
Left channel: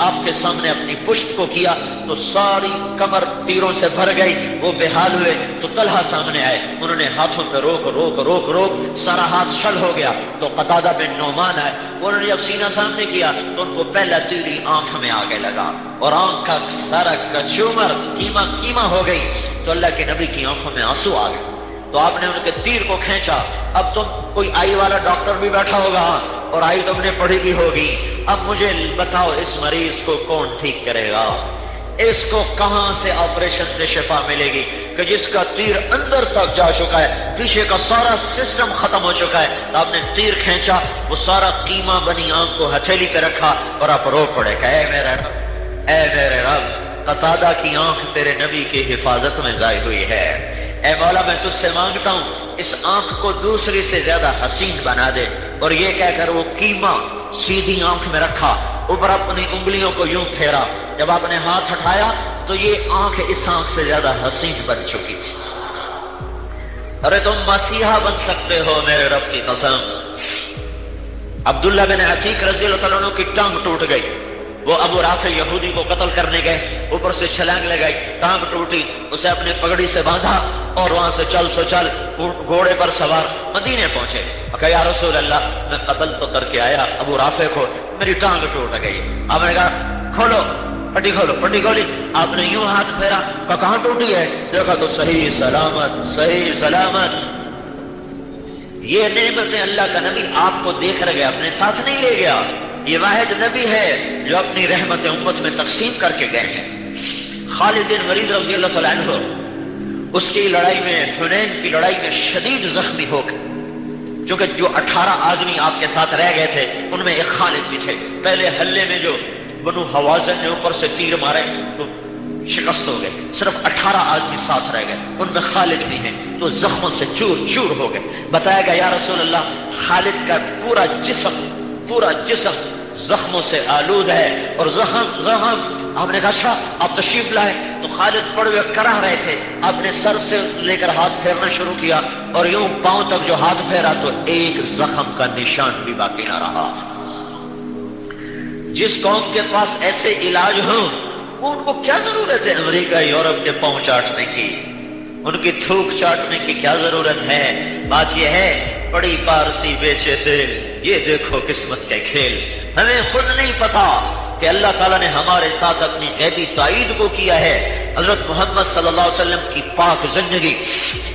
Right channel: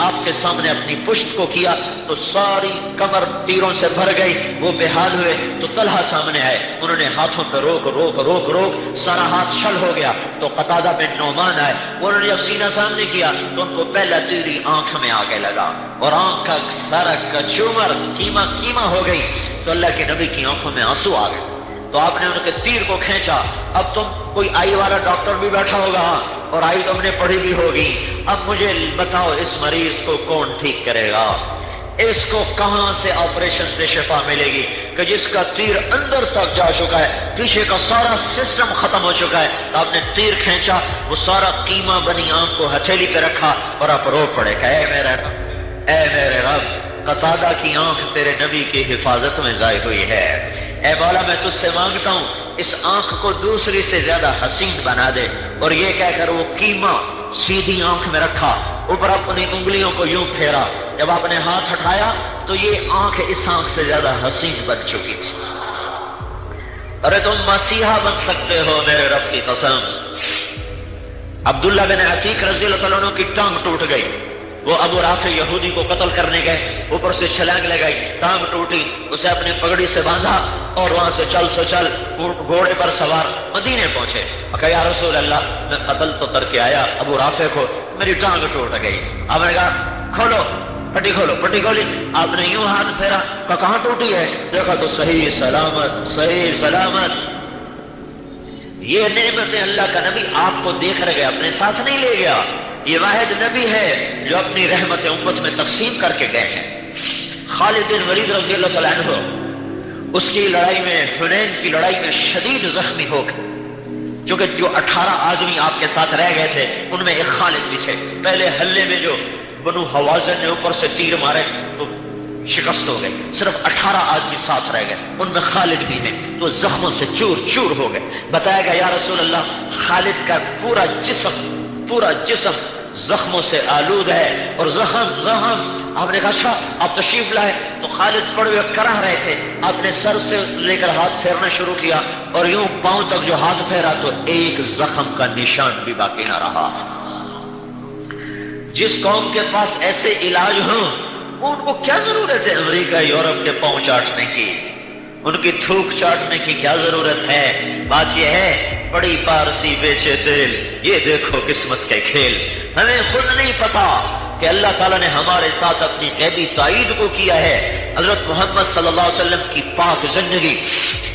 آپ کے سامنے اپنی پشت کو کیا تو ساری کمر تیروں سے بھر گئی، وہ بے حال ہوئے تو طلحہ سامنے آئے، انہوں نے ہاتھوں پہ روک روک روک روک سارا ہاتھ شل ہو گیا، تو قتادہ بن نعمان آئے، انہوں نے جب سینہ سامنے کیا تو ان کو پہلا تیر آنکھ میں آ کے لگا اور آنکھ کا سارا کچومر کیما کیما ہو گئی، تو اللہ کے نبی کی آنکھوں میں آنسو آ گئے، تو آپ نے ان کے تیر کو کھینچا۔ اب تم کوئی آئی والا ڈاکٹر بھی بیٹھا ہوگا اور آئی تم نے پڑھی بھی ہوگی، اب مجھے بتاؤ اس مریض کو کون ٹھیک کرے گا، اس کو کہاں سے آپریشن سے شفا ملے گی کہ جس کا تیر اندر تک جا چکا ہے، پیچھے کا سارا سسٹم ختم ہو چکا ہے۔ آپ نے تیر کھینچا، وہ سارا کیما بنی آنکھ کو ہتھیلی پہ رکھا اور آپ رو پڑے کہ اے میرے رب، قتادہ کی آنکھ تیرے نبی کی حفاظت میں ضائع ہوئی ہے، اے مولا میں تجھ سے مانگتا ہوں اس آنکھ کو دوسری سے زیادہ حسین بنا دے۔ اور یہ کہہ کر وہ کیما سیدھی آنکھ میں رکھا، اوپر اپنی انگلیوں کو یوں پھیرا، جب آپ نے ہاتھ اٹھایا تو یہ آنکھ اس آنکھ سے زیادہ حسین بن چکی تھی۔ ارے تم مسیحا بن سکتے ہو میرے رب کی قسم۔ عبداللہ بن عتیق رضی اللہ عنہ کی ٹانگ ٹوٹ گئی، وہ ابو رافع یہودی کو قتل کرنے گئے، اوپر سے چھلانگ لگائی، ٹانگ ٹوٹی، اسے اپنی پگڑی سے باندھا اور وہاں سے چل سو چل گھوڑے پر سوار مدینے پہنچے۔ کہا یا رسول اللہ، میں قتل تو کر کے آیا ابو رافع کو، میری ٹانگ ٹوٹ گئی۔ آپ نے کہا کھولو پٹی، کھولو پٹی کھولی، آپ نے یوں ہاتھ پھیرا، کہاں ٹوٹی ہے؟ دیکھا تو صحیح سلامت، صحیح سلامت۔ یہ نعمتیں اللہ کا نبی آپ کو دیکھ رہے گا، اپنے ساتھ نہیں لے گیا، یہ واحد نبی ہے جو اپنی رحمت امت میں تقسیم کر کے گئے ہیں۔ خالد بن ولید رضی اللہ تعالیٰ عنہ اس کی لڑائی میں، حنین کی لڑائی میں شدید زخمی ہو گئے، چونکہ جو 18 آدمی آپ کے ساتھ رہ گئے تھے ان میں ایک خالد بھی تھے۔ پہلے حلے میں جو بنو حوازن نے اوپر سے تیر مارے تو شکست ہو گئے، صرف 18 آدمی ساتھ رہ گئے، ان میں خالد بھی ہیں، تو زخموں سے چور چور ہو گئے۔ بتایا گیا یا رسول اللہ خالد کا پورا جسم زخموں سے آلود ہے، اور زخم آپ نے کہا اچھا آپ تشریف لائے تو خالد پڑے ہوئے کراہ رہے تھے، آپ نے سر سے لے کر ہاتھ پھیرنا شروع کیا اور یوں پاؤں تک جو ہاتھ پھیرا تو ایک زخم کا نشان بھی باقی نہ رہا۔ جس قوم کے پاس ایسے علاج ہوں ان کو کیا ضرورت ہے امریکہ یورپ کے پاؤں چاٹنے کی، ان کی تھوک چاٹنے کی کیا ضرورت ہے؟ بات یہ ہے بڑی پارسی بیچے تیل، یہ دیکھو قسمت کے کھیل۔ ہمیں خود نہیں پتا کہ اللہ تعالیٰ نے ہمارے ساتھ اپنی غیبی تائید کو کیا ہے۔ حضرت محمد صلی اللہ علیہ وسلم کی پاک زندگی،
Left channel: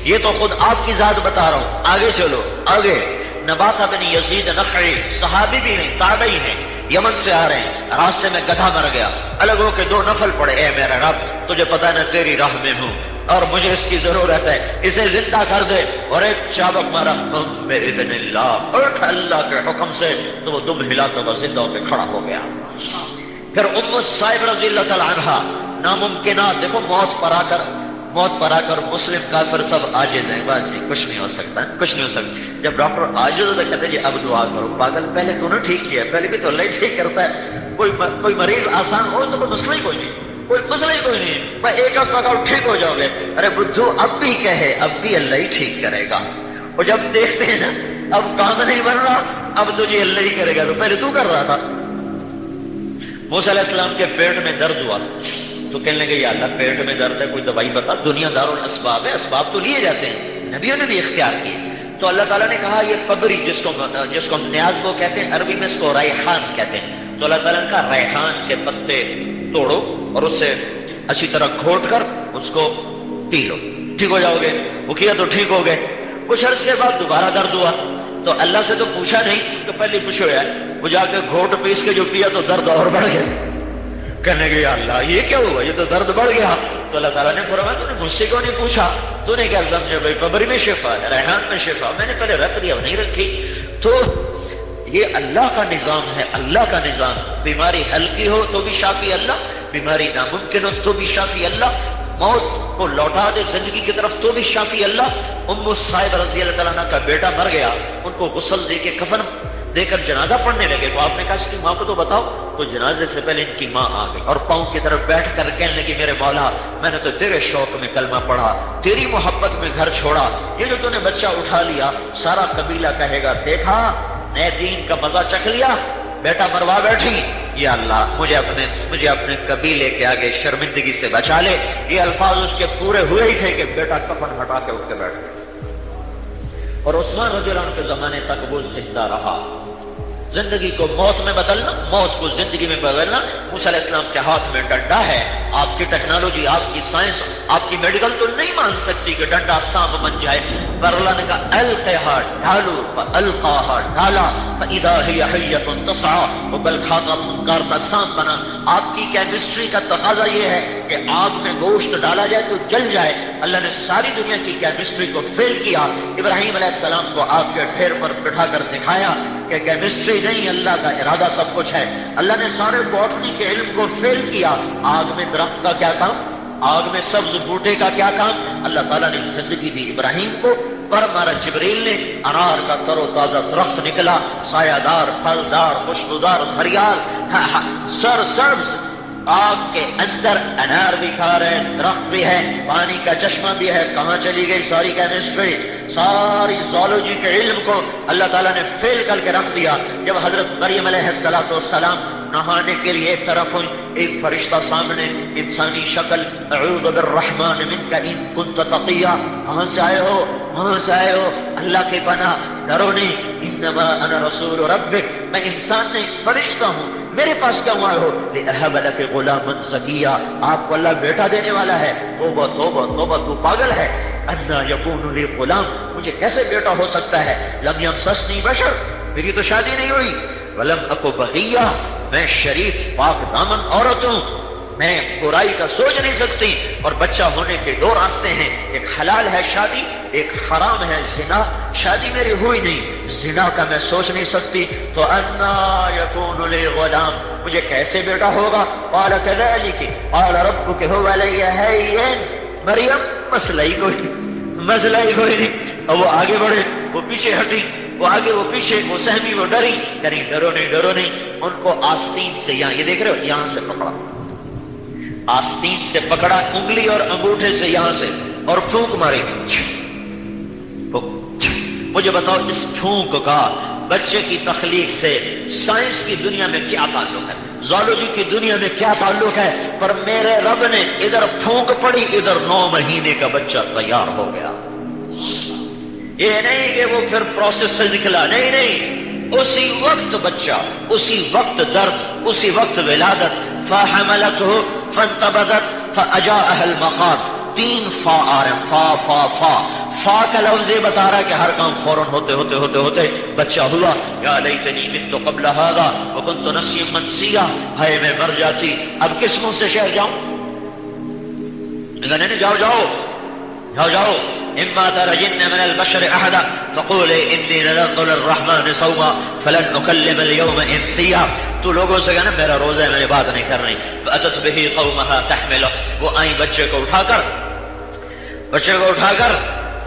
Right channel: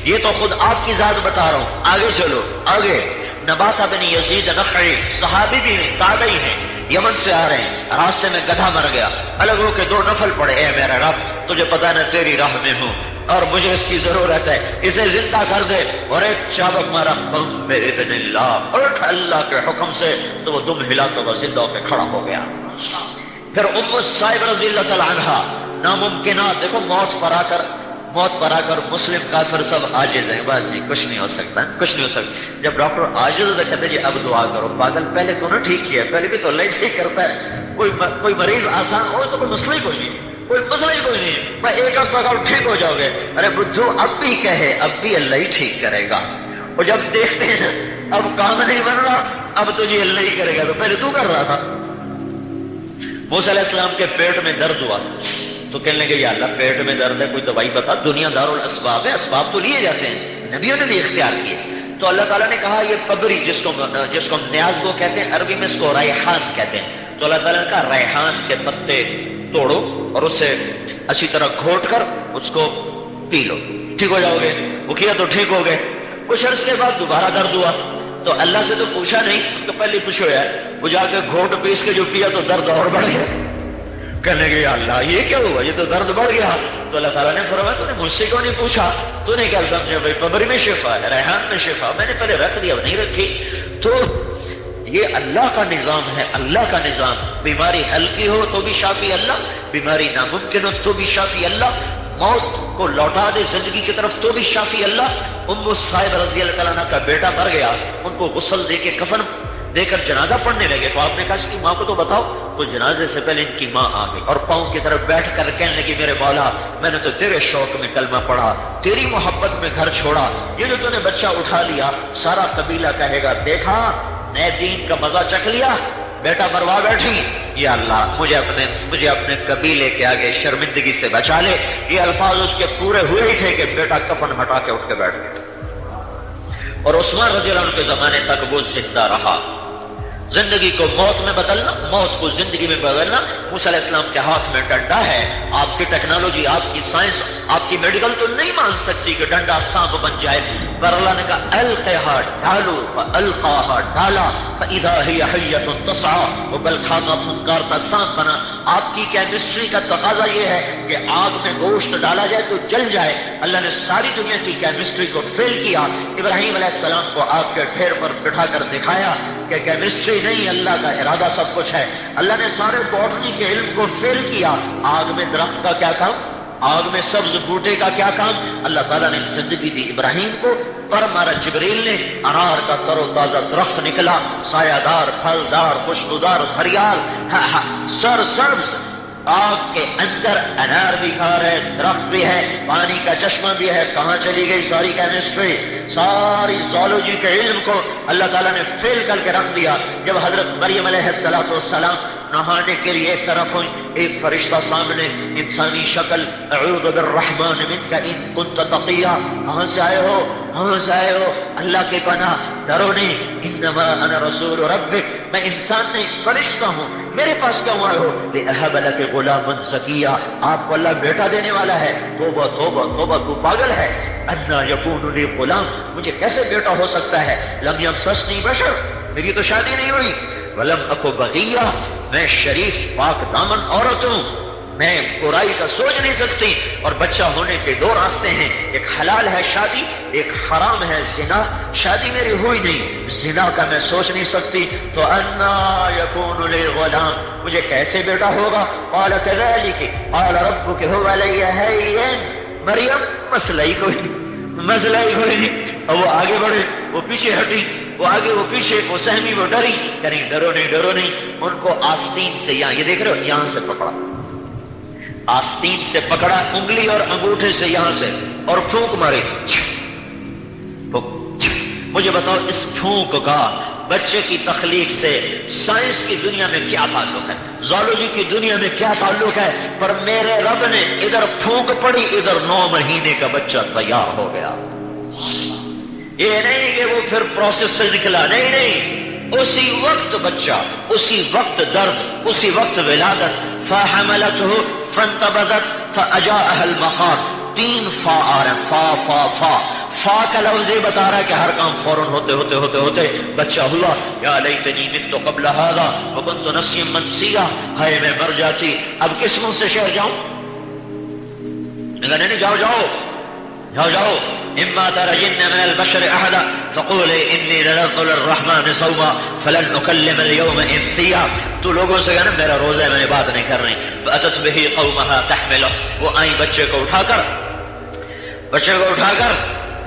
یہ تو خود آپ کی ذات بتا رہا ہوں، آگے چلو آگے۔ نباتہ بن یزید نخعی صحابی بھی ہیں، تابعی ہیں، یمن سے آ رہے ہیں، راستے میں گدھا مر گیا، الگ ہو کے 2 نفل پڑے، اے میرا رب تجھے پتا نہ تیری راہ میں ہوں اور مجھے اس کی ضرورت ہے، اسے زندہ کر دے، اور ایک چابک مارا بِإِذْنِ اللَّهِ، اٹھ اللہ کے حکم سے، تو وہ دم ہلا تو وہ زندہ ہو کے کھڑا ہو گیا۔ پھر ام الصائب رضی اللہ تعالی عنہا، ناممکنات، دیکھو موت پر آ کر مسلم کافر سب عاجز ہیں، بس کچھ نہیں ہو سکتا، کچھ نہیں ہو سکتا۔ جب ڈاکٹر عاجز ہو تو کہتے جی اب دعا کرو، پاگل پہلے تو نے ٹھیک کیا، پہلے بھی تو اللہ ہی ٹھیک کرتا ہے۔ کوئی مریض آسان ہو تو کوئی مسئلہ کوئی نہیں، کوئی مسئلہ کوئی نہیں، میں ایک ہفتہ کا ٹھیک ہو جاؤ گے، ارے بدھو اب بھی کہے، اب بھی اللہ ہی ٹھیک کرے گا۔ اور جب دیکھتے ہیں اب کام نہیں بن رہا، اب تو جی اللہ ہی کرے گا، تو پہلے تو کر رہا تھا۔ موسیٰ علیہ السلام کے پیٹ میں درد ہوا تو کہنے لگے یا اللہ پیٹ میں درد ہے کوئی دوائی بتا، دنیا دار الاسباب ہے، اسباب تو لیے جاتے ہیں، نبیوں نے بھی اختیار کیے۔ تو اللہ تعالیٰ نے کہا یہ پبری جس کو نیاز کو کہتے ہیں، عربی میں اس کو ریحان کہتے ہیں، تو اللہ تعالیٰ نے کہا ریحان کے پتے توڑو اور اسے اچھی طرح گھوٹ کر اس کو پی لو، ٹھیک ہو جاؤ گے۔ وہ کیا تو ٹھیک ہو گئے۔ کچھ عرصے بعد دوبارہ درد ہوا تو اللہ سے تو پوچھا نہیں، تو پہلے پوچھو ہے، وہ جا کے گھوٹ پیس کے جو پیا تو درد اور بڑھ گیا۔ کہنے کے لیے اللہ یہ کیا ہوا، یہ تو درد بڑھ گیا۔ تو اللہ تعالیٰ نے فرمایا تو نے مجھ سے کیوں نہیں پوچھا، تو نے کیا سمجھا بھائی پبری میں شفا ہے، ریحان میں شفا، میں نے پہلے رکھ دیا نہیں رکھی۔ تو یہ اللہ کا نظام ہے، اللہ کا نظام۔ بیماری ہلکی ہو تو بھی شافی اللہ، بیماری ناممکن ہو تو بھی شافی اللہ، موت کو لوٹا دے زندگی کی طرف تو بھی شافی اللہ۔ ام الصائب رضی اللہ تعالیٰ عنہ کا بیٹا مر گیا، ان کو غسل دے کے کفن دے کر جنازہ پڑھنے لگے، تو آپ نے کہا اس کی ماں کو تو بتاؤ، تو جنازے سے پہلے ان کی ماں آ گئی اور پاؤں کی طرف بیٹھ کر کہنے لگی میرے مولا میں نے تو تیرے شوق میں کلمہ پڑھا، تیری محبت میں گھر چھوڑا، یہ جو تو نے بچہ اٹھا لیا سارا قبیلہ کہے گا دیکھا نئے دین کا مزہ چکھ لیا، بیٹا مروا بیٹھی، یا اللہ مجھے اپنے قبیلے کے آگے شرمندگی سے بچا لے۔ یہ الفاظ اس کے پورے ہوئے ہی تھے کہ بیٹا کفن ہٹا کے اٹھ کے بیٹھ گیا، اور عثمان رضی اللہ عنہ کے زمانے تک وہ زندہ رہا۔ زندگی کو موت میں بدلنا، موت کو زندگی میں بدلنا موسیٰ علیہ السلام کے ہاتھ میں ڈنڈا ہے۔ آپ کی ٹیکنالوجی، آپ کی سائنس، آپ کی میڈیکل تو نہیں مان سکتی کہ ڈنڈا سانپ بن جائے، پر اللہ نے کہا القیہا ڈالو، فالقاہا ڈالا فاذا ہی حیۃ تسعی، وہ بلکھا کا پھنکار کا سانپ بنا۔ آپ کی کیمسٹری کا تقاضا یہ ہے کہ آگ میں گوشت ڈالا جائے تو جل جائے، اللہ نے ساری دنیا کی کیمسٹری کو فیل کیا۔ ابراہیم علیہ السلام کو آگ کے ڈھیر پر بٹھا کر دکھایا کہ کیمسٹری نہیں، اللہ کا ارادہ سب کچھ ہے۔ اللہ نے سارے باٹنی کے علم کو فیل کیا، آگ میں درخت کا کیا کام، آگ میں سبز بوٹے کا کیا کام۔ اللہ تعالیٰ نے زندگی دی ابراہیم کو، پر مارا جبریل نے، انار کا ترو تازہ درخت نکلا، سایہ دار، پھلدار، خوشبودار، ہریال، سر سبز، آگ کے اندر انار بھی کھا رہے، درخت بھی ہے، پانی کا چشمہ بھی ہے۔ کہاں چلی گئی ساری کیمسٹری، ساری زالوجی کے علم کو اللہ تعالیٰ نے فیل کر کے رکھ دیا۔ جب حضرت مریم علیہ السلام نہانے کے لیے ایک طرف ایک فرشتہ سامنے، انسانی شکل، اعوذ بالرحمن منک ان کنت تقیا، کہاں سے آئے ہو، کہاں سے آئے ہو، اللہ کی پناہ، ڈرو نہیں، انما انا رسول ربک، میں انسان نہیں فرشتہ ہوں، میرے پاس کیوں آئے ہو، لأہب لک غلاما زکیا، آپ کو اللہ بیٹا دینے والا ہے۔ توبہ توبہ توبہ، تو پاگل ہے، انا یکون لی غلام، مجھے کیسے بیٹا ہو سکتا ہے، لم یمسسنی بشر، میری تو شادی نہیں ہوئی، ولم اکو بغیہ، میں شریف پاک دامن عورت ہوں، میں برائی کا سوچ نہیں سکتی۔ اور بچہ ہونے کے دو راستے ہیں، ایک حلال ہے شادی، ایک حرام ہے زنا۔ شادی میری ہوئی نہیں، زنا کا میں سوچ نہیں سکتی، تو انا یکون لی غلام، مجھے کیسے بیٹا ہوگا؟ قال کذلک قال ربک هو علی هین، مریم مسئلہ ہی کوئی۔ اور وہ آگے بڑھے، وہ پیچھے ہٹی، وہ آگے وہ پیچھے، وہ سہمی وہ ڈری، یعنی ڈرو نہیں۔ ان کو آستین سے، یہاں یہ دیکھ رہے ہو، یہاں سے پکڑا، آستین سے پکڑا، انگلی اور انگوٹھے سے یہاں سے، اور پھونک ماری۔ مجھے بتاؤ اس پھونک کا بچے کی تخلیق سے سائنس کی دنیا میں کیا تعلق ہے، زولوجی کی دنیا میں کیا تعلق ہے؟ پر میرے رب نے ادھر پھونک پڑی، ادھر 9 مہینے کا بچہ تیار ہو گیا۔ یہ نہیں کہ وہ پھر پروسیس سے نکلا، نہیں، اسی وقت بچہ، اسی وقت درد، اسی وقت ولادت۔ فحملته فانتبذت فاجاءها المخاض، 3 فا آ رہے ہیں، فا کا لفظ یہ بتا رہا ہے کہ ہر کام فوراً ہوتے بچہ ہوا۔ یا لیتنی مت قبل هذا وكنت نسيا منسيا، ہائے میں مر جاتی، اب کس منہ سے شہر جاؤں؟ نہیں، جاؤ، اما ترجن من البشر احدا فقولي اني نذرت للرحمن صوما فلن اكلم اليوم انسيا، تو لوگوں سے جانا میرا روزہ ہے، میں نے بات نہیں کر رہی۔ فاتت به قومها تحمله، وہ آئیں بچے کو اٹھا کر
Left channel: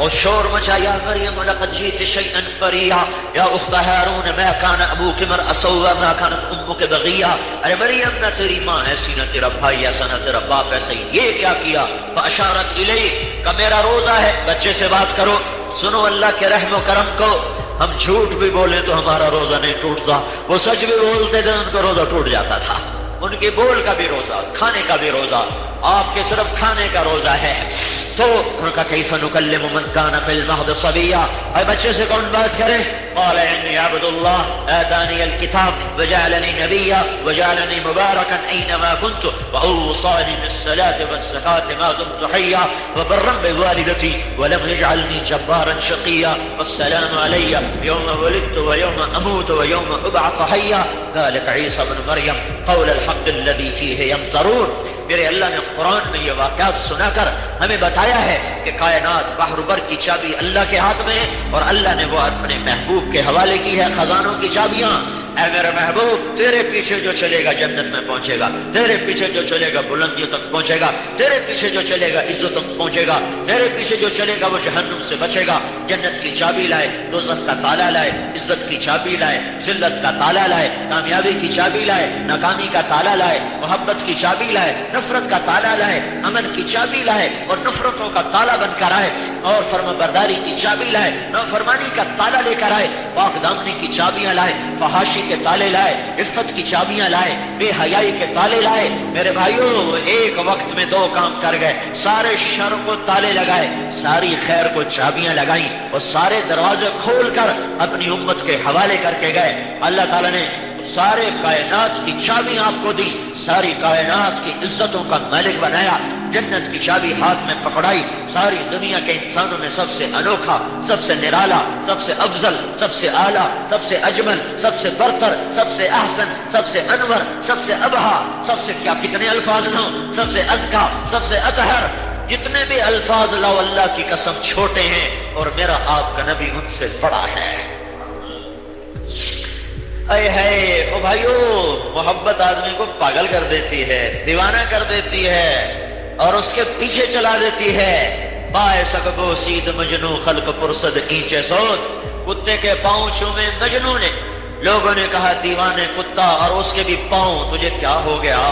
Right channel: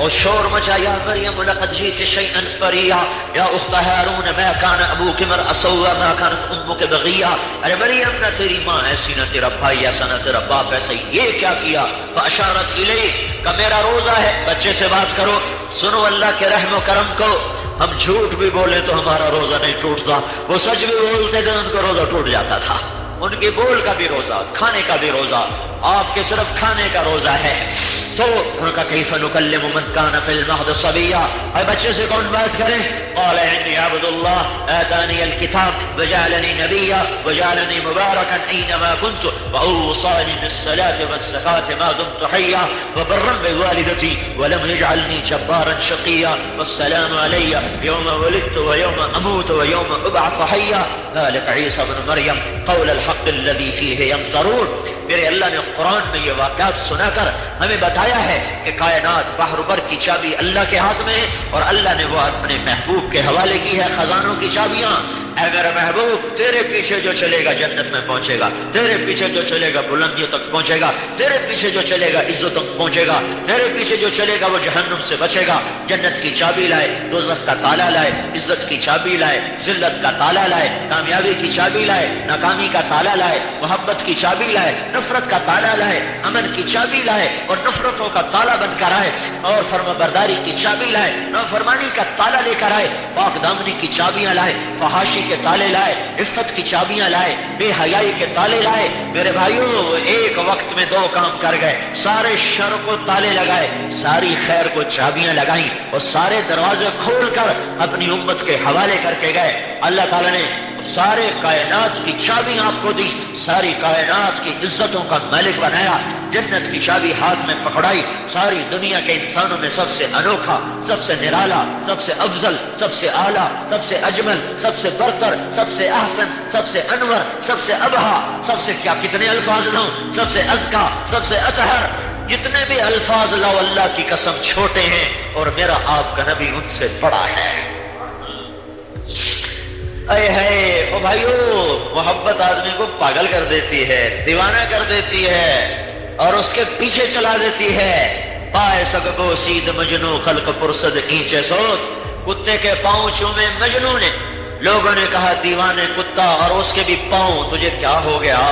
اور شور مچا، یا مریم لقد جئت شيئا فريا یا اخت ہارون ما كان ابوك امرأ سوء ما كانت امك بغيا، ارے مریم نہ تیری ماں ایسی نہ تیرا بھائی ایسا نہ تیرا باپ ایسا، یہ کیا کیا؟ فاشارت الیہ، کہ میرا روزہ ہے، بچے سے بات کرو، سنو اللہ کے رحم و کرم کو، ہم جھوٹ بھی بولیں تو ہمارا روزہ نہیں ٹوٹتا، وہ سچ بھی بولتے تھے ان کا روزہ ٹوٹ جاتا تھا، ان کے بول کا بھی روزہ، کھانے کا بھی روزہ، آپ کے صرف کھانے کا روزہ ہے۔ تو ان کا کیف نکلم من کان فی المہد صبیا، اے بچے سے کون بات کرے؟ قال انی عبد اللہ آتانی الکتاب وجعلنی نبیا وجعلنی مبارکا اینما کنت واوصانی بالصلاة والزکاة ما دمت حیا وبرا بوالدتی ولم یجعلنی جبارا شقیا والسلام علی یوم ولدت ویوم اموت ویوم ابعث حیا ذلک عیسی بن مریم قول الحق الذی فیہ یمترون۔ میرے اللہ نے قرآن میں یہ واقعات سنا کر ہمیں بتایا ہے کہ کائنات بحر بر کی چابی اللہ کے ہاتھ میں ہے، اور اللہ نے وہ اپنے محبوب کے حوالے کی ہے خزانوں کی چابیاں۔ اے میرا محبوب، تیرے پیچھے جو چلے گا جنت میں پہنچے گا، تیرے پیچھے جو چلے گا بلندیوں تک پہنچے گا، تیرے پیچھے جو چلے گا عزتوں تک پہنچے گا، تیرے پیچھے جو چلے گا وہ جہنم سے بچے گا۔ جنت کی چابی لائے، دوزخ کا تالا لائے، عزت کی چابی لائے، ذلت کا تالا لائے، کامیابی کی چابی لائے، ناکامی کا تالا لائے، محبت کی چابی لائے، نفرت کا تالا لائے، امن کی چابی لائے اور نفرتوں کا تالا بن کر آئے، اور فرمانبرداری کی چابی لائے، نافرمانی کا تالا لے کر آئے، پاک دامنی کی چابیاں لائے، فحاشی کے تالے لائے، عفت کی چابیاں لائے، بے حیائی کے تالے لائے۔ میرے بھائیوں، ایک وقت میں 2 کام کر گئے، سارے شر کو تالے لگائے، ساری خیر کو چابیاں لگائیں، اور سارے دروازے کھول کر اپنی امت کے حوالے کر کے گئے۔ اللہ تعالیٰ نے سارے کائنات کی چابی آپ کو دی، ساری کائنات کی عزتوں کا مالک بنایا، جنت کی چابی ہاتھ میں پکڑائی، ساری دنیا کے انسانوں میں سب سے انوکھا، سب سے نرالا، سب سے افضل، سب سے اعلیٰ، سب سے اجمل، سب سے برتر، سب سے احسن، سب سے انور، سب سے ابہا، سب سے کیا کتنے الفاظ ہوں، سب سے ازکا، سب سے اطہر، جتنے بھی الفاظ لا اللہ کی قسم چھوٹے ہیں، اور میرا آپ کا نبی ان سے بڑا ہے۔ اے ہے او بھائیو، محبت آدمی کو پاگل کر دیتی ہے، دیوانہ کر دیتی ہے، اور اس کے پیچھے چلا دیتی ہے۔ پائے سگو سید مجنو خلق پرسد اینچے سوت، کتے کے پاؤں چومے مجنو نے، لوگوں نے کہا دیوانے کتا، اور اس کے بھی پاؤں، تجھے کیا ہو گیا؟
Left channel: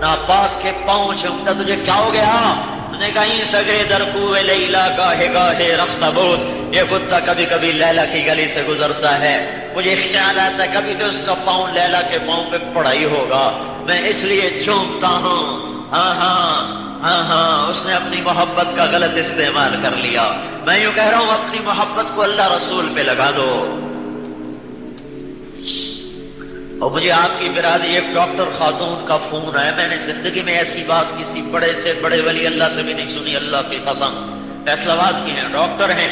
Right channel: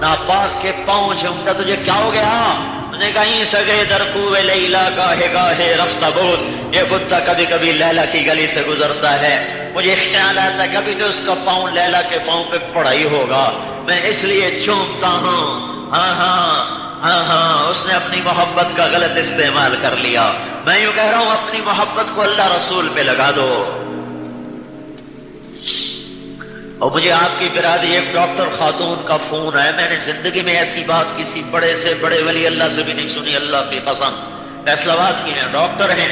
ناپاک کے پاؤں چومتا، تجھے کیا ہو گیا؟ نے کہیں سگے در کوئے لیلا گاہے گاہے رفتہ بول، یہ کتا کبھی کبھی لیلا کی گلی سے گزرتا ہے، مجھے خیال آتا ہے کبھی تو اس کا پاؤں لیلا کے پاؤں پہ پڑا ہی ہوگا، میں اس لیے چومتا ہوں۔ ہاں، اس نے اپنی محبت کا غلط استعمال کر لیا۔ میں یوں کہہ رہا ہوں، اپنی محبت کو اللہ رسول پہ لگا دو۔ اور مجھے آپ کی برادری ایک ڈاکٹر خاتون کا فون ہے، میں نے زندگی میں ایسی بات کسی بڑے سے بڑے ولی اللہ سے بھی نہیں سنی، اللہ کی قسم، فیصلہ باد کی ہیں، ڈاکٹر ہیں،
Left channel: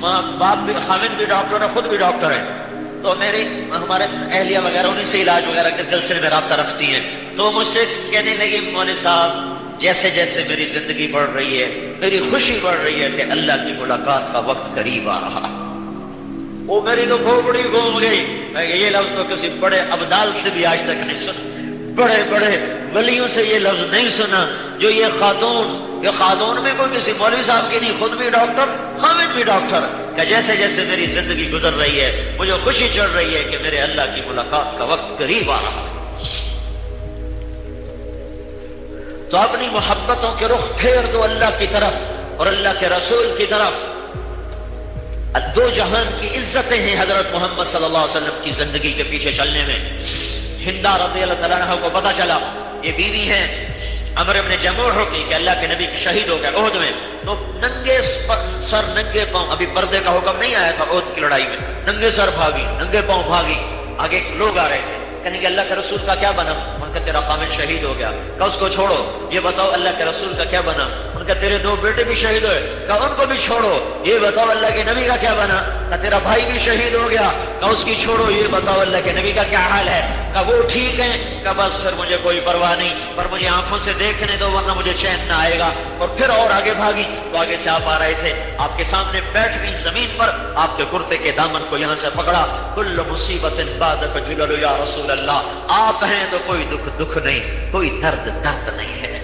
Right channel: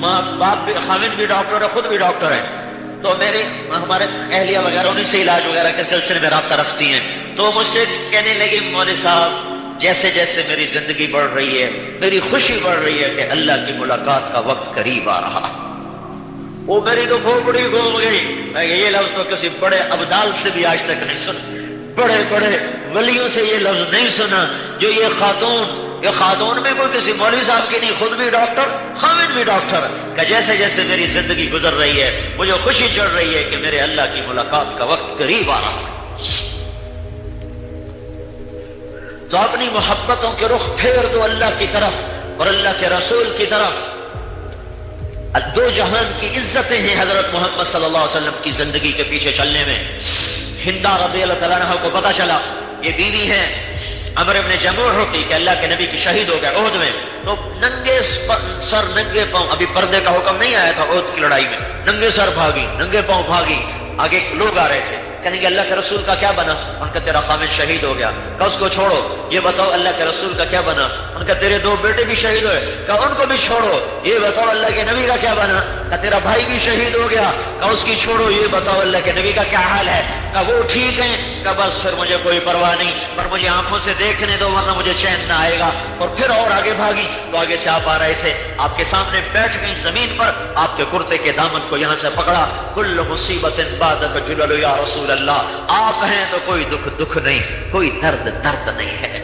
ماں باپ بھی، خامد بھی ڈاکٹر ہے، خود بھی ڈاکٹر ہیں، تو ہمارے اہلیہ وغیرہ انہیں سے علاج وغیرہ کے سلسلے میں رابطہ رکھتی ہیں، تو مجھ سے کہنے لگے مولوی صاحب جیسے جیسے میری زندگی بڑھ رہی ہے، میری خوشی بڑھ رہی ہے کہ اللہ کی ملاقات کا وقت قریب آ رہا ہے۔ وہ میری تو کھوپڑی گھوم گئی۔ میں یہ لفظ تو کسی بڑے ابدال سے بھی آج تک نہیں سنا، بڑے بڑے ولیوں سے یہ لفظ نہیں سنا جو یہ خاتون میں کوئی کسی مولوی صاحب کی نہیں، خود بھی ڈاکٹر، خامد بھی ڈاکٹر، کہ جیسے جیسے میری زندگی گزر رہی ہے مجھے خوشی چڑھ رہی ہے کہ میرے اللہ کی ملاقات کا وقت قریب آ رہا ہے۔ تو اپنی محبتوں کے رخ پھیر دو اللہ کی طرف اور اللہ کے رسول کی طرف۔ دو جہان کی عزتیں ہیں حضرت محمد صلی اللہ علیہ وسلم کی زندگی کے پیچھے چلنے میں۔ ہندا رضی اللہ تعالیٰ عنہ کو پتا چلا یہ دینی ہے، عمر ابن جموح ہوتی کہ اللہ کے نبی کی شہید ہو گئے احد میں، تو ننگے سر ننگے پاؤں، ابھی پردے کا حکم نہیں آیا تھا احد کی لڑائی میں، ننگے سر بھاگی، ننگے پاؤں بھاگی، آگے لوگ آ رہے تھے، کہنے کہ اللہ کے رسول کا کیا بنا؟ ان کا تیرا خامد شہید ہو گیا۔ کہ اس کو چھوڑو، یہ بتاؤ اللہ کے رسول کا کیا بنا؟ ان کا تیرے دو بیٹے بھی شہید ہوئے، کہ ان کو بھی چھوڑو، یہ بتاؤ اللہ کے نبی کا کیا بنا؟ کہ تیرا بھائی بھی شہید ہو گیا، کہ اس کی چھوڑو، یہ بتاؤ اللہ کے نبی کا کیا حال ہے؟ کہ وہ ٹھیک ہیں، کہ بس پھر مجھے کوئی پرواہ نہیں، پر مجھے آنکھوں سے دیکھنے دو ورنہ مجھے چین نہ آئے گا۔ اور پھر اور آگے بھاگی تو آگے سے آپ آ رہے تھے، آپ کے سامنے بیٹھ گئی زمین پر، آپ کے کرتے کے دامن کو یہاں سے پکڑا، کل مصیبت بعدک جلل یا رسول اللہ، آپ ہیں تو کوئی دکھ نہیں، کوئی درد نہیں ہے۔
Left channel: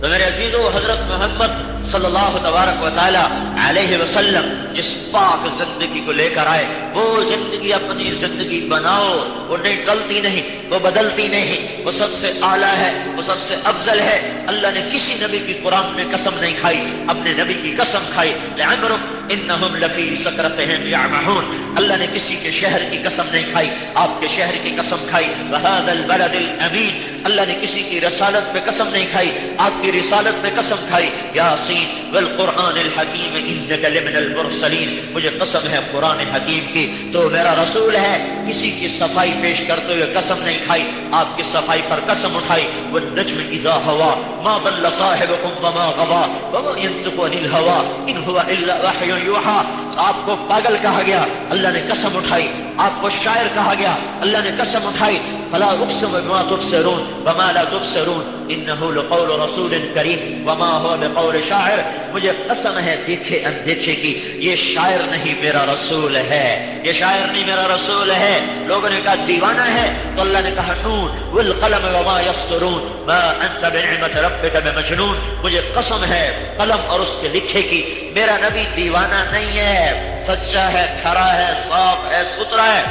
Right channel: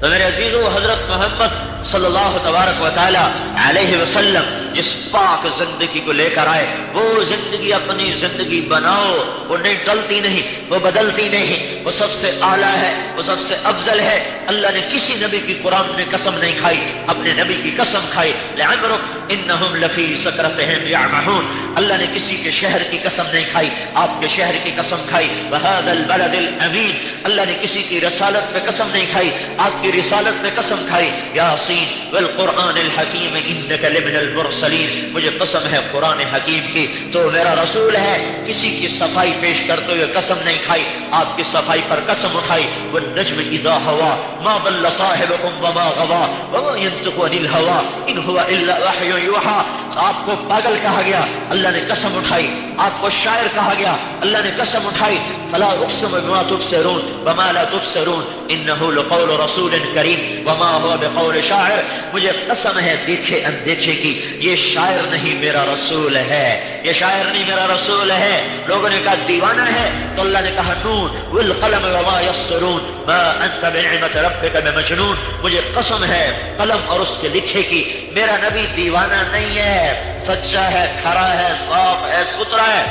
تو میرے عزیزو، حضرت محمد صلی اللہ تبارک و تعالی علیہ وسلم جس پاک زندگی کو لے کر آئے، وہ زندگی اپنی زندگی بناؤ، وہ نکلتی نہیں، وہ بدلتی نہیں، وہ سب سے اعلیٰ ہے، وہ سب سے افضل ہے۔ اللہ نے کسی نبی کی قرآن میں قسم نہیں کھائی، اپنے نبی کی قسم کھائی، لعمرک انہم لفی سکرتہم یعمہون۔ اللہ نے کسی کے شہر کی قسم نہیں کھائی، آپ کے شہر کی قسم کھائی، وہذا البلد الامین۔ اللہ نے کسی کی رسالت پہ قسم نہیں کھائی، آپ کی رسالت پہ قسم کھائی، یاسین والقرآن الحکیم انک لمن المرسلین۔ مجھے قسم ہے قرآن حکیم کی، تو میرا رسول ہے۔ کسی کی صفائی پیش کرتے ہوئے قسم نہیں کھائی، آپ کی صفائی پر قسم اٹھائی، والنجم اذا ہوا ما ضل صاحبکم وما غوا وما ينطق عن الهوى ان هو الا وحی یوحی۔ آپ کو پاگل کہا گیا، اللہ نے قسم اٹھائی، آپ کو شاعر کہا گیا، اللہ نے قسم اٹھائی، فلا اقسم بما تبصرون وما لا تبصرون انه لقول رسول کریم وما هو بقول شاعر۔ مجھے قسم ہے دیکھے اندیکھے کی، یہ شاعر نہیں میرا رسول ہے، یہ شاعر نہیں میرا رسول ہے۔ لوگوں نے کہا دیوانہ ہے، تو اللہ نے کہا نون والقلم وما يسطرون ما انت بنعمت ربک بمجنون۔ مجھے قسم ہے قلم اور اس کے لکھے کی، میرا نبی دیوانہ نہیں ہے، سچا ہے، کھرا ہے، صاف ہے، ستھرا ہے۔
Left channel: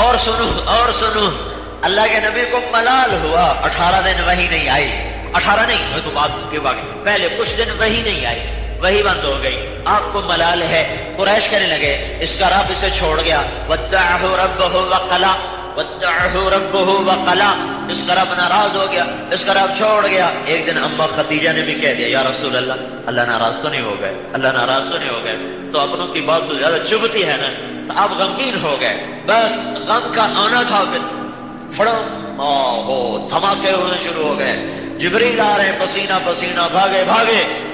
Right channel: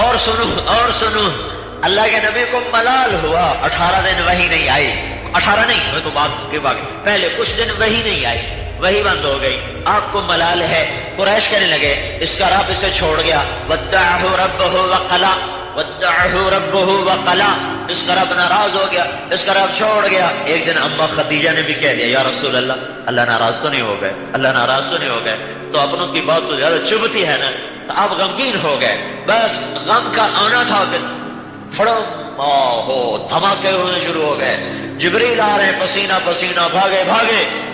اور سنو اللہ کے نبی کو ملال ہوا، 18 دن وحی نہیں آئی، 18 نہیں تو بعد کے بعد پہلے کچھ دن وحی نہیں آئی، وحی بند ہو گئی، آپ کو ملال ہے۔ قریش کہنے لگے اس کا رب اسے چھوڑ گیا، ودعہ ربہ وقلا، ودعہ ربہ وقلا، اس کا رب ناراض ہو گیا، اس کا رب چھوڑ گیا۔ ایک دن اما خدیجہ نے بھی کہہ دیا یا رسول اللہ، اللہ ناراض تو نہیں ہو گئے، اللہ ناراض تو نہیں ہو گئے؟ تو اپنوں کی بات تو زیادہ چبھتی ہے نا، تو آپ غمگین ہو گئے، بس غم کا آنا تھا کہ تھوڑا دھماکے ہونے شروع ہو گئے، جبریل آ رہے ہیں پسینہ پسینہ، بھاگے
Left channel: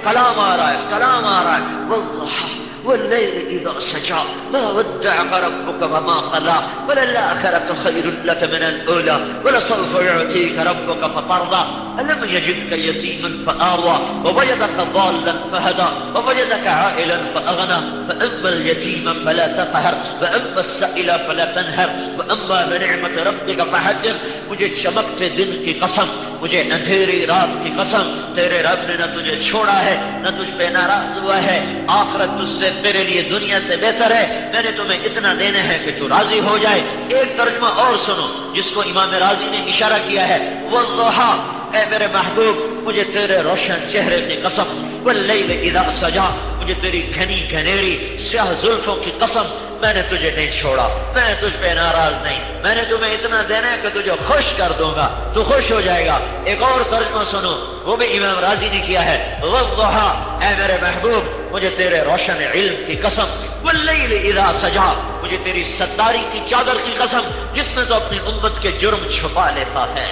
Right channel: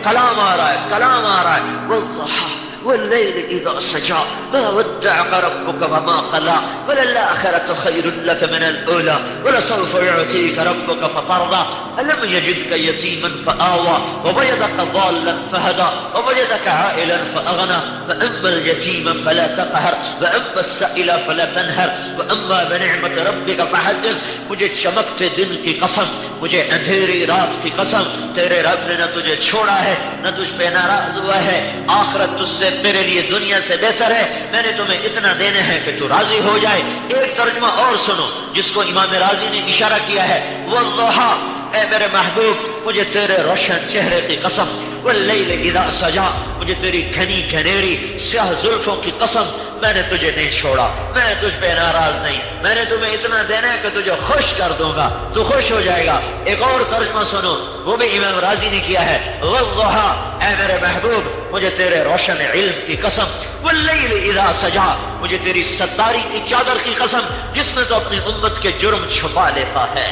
کلام آ رہا ہے واللیل اذا سجا ما ودعك ربك وما قلى وللآخرة خير لك من الأولى ولسوف يعطيك ربك فترضى ألم يجدك يتيما فآوى ووجدك ضالا فهدى ووجدك عائلا فأغنى فأما اليتيم فلا تقهر وأما السائل فلا تنهر وأما بنعمة ربك فحدث۔ مجھے چمکتے دن کی قسم، مجھے اندھیری رات کی قسم، تیرے رب نے نہ تجھے چھوڑا ہے نہ تجھ پہ ناراض ہوا ہے، آخرت تجھ سے تیرے لیے دنیا سے بہتر ہے، میں نے تمہیں اتنا دینا ہے کہ تو راضی ہو جائے۔ ایک ترجمہ اور سنو جس کو امام راضی نے اشارہ کیا ہے، والضحیٰ، اے میرے محبوب مجھے تیرے روشن چہرے کی قسم، واللیل اذا سجا، مجھے تیری گھنی گھنیری سیاہ زلفوں کی قسم، میں نے تجھے نہیں چھوڑا، میں تجھ پہ ناراض نہیں، میں نے تمہیں اتنا دینا ہے کہ تجھے خوش کر دوں گا، تو خوش ہو جائے گا۔ ایک اور ترجمہ سنو، وہ بھی امام راضی نے کیا ہے، والضحیٰ، اے میرے محبوب مجھے تیرے روشن علم کی قسم، واللیل اذا سجا، مجھے تیری ستاری کی چادر کی قسم جس میں تو اپنی امت کے جرم چھپا لیتا ہے،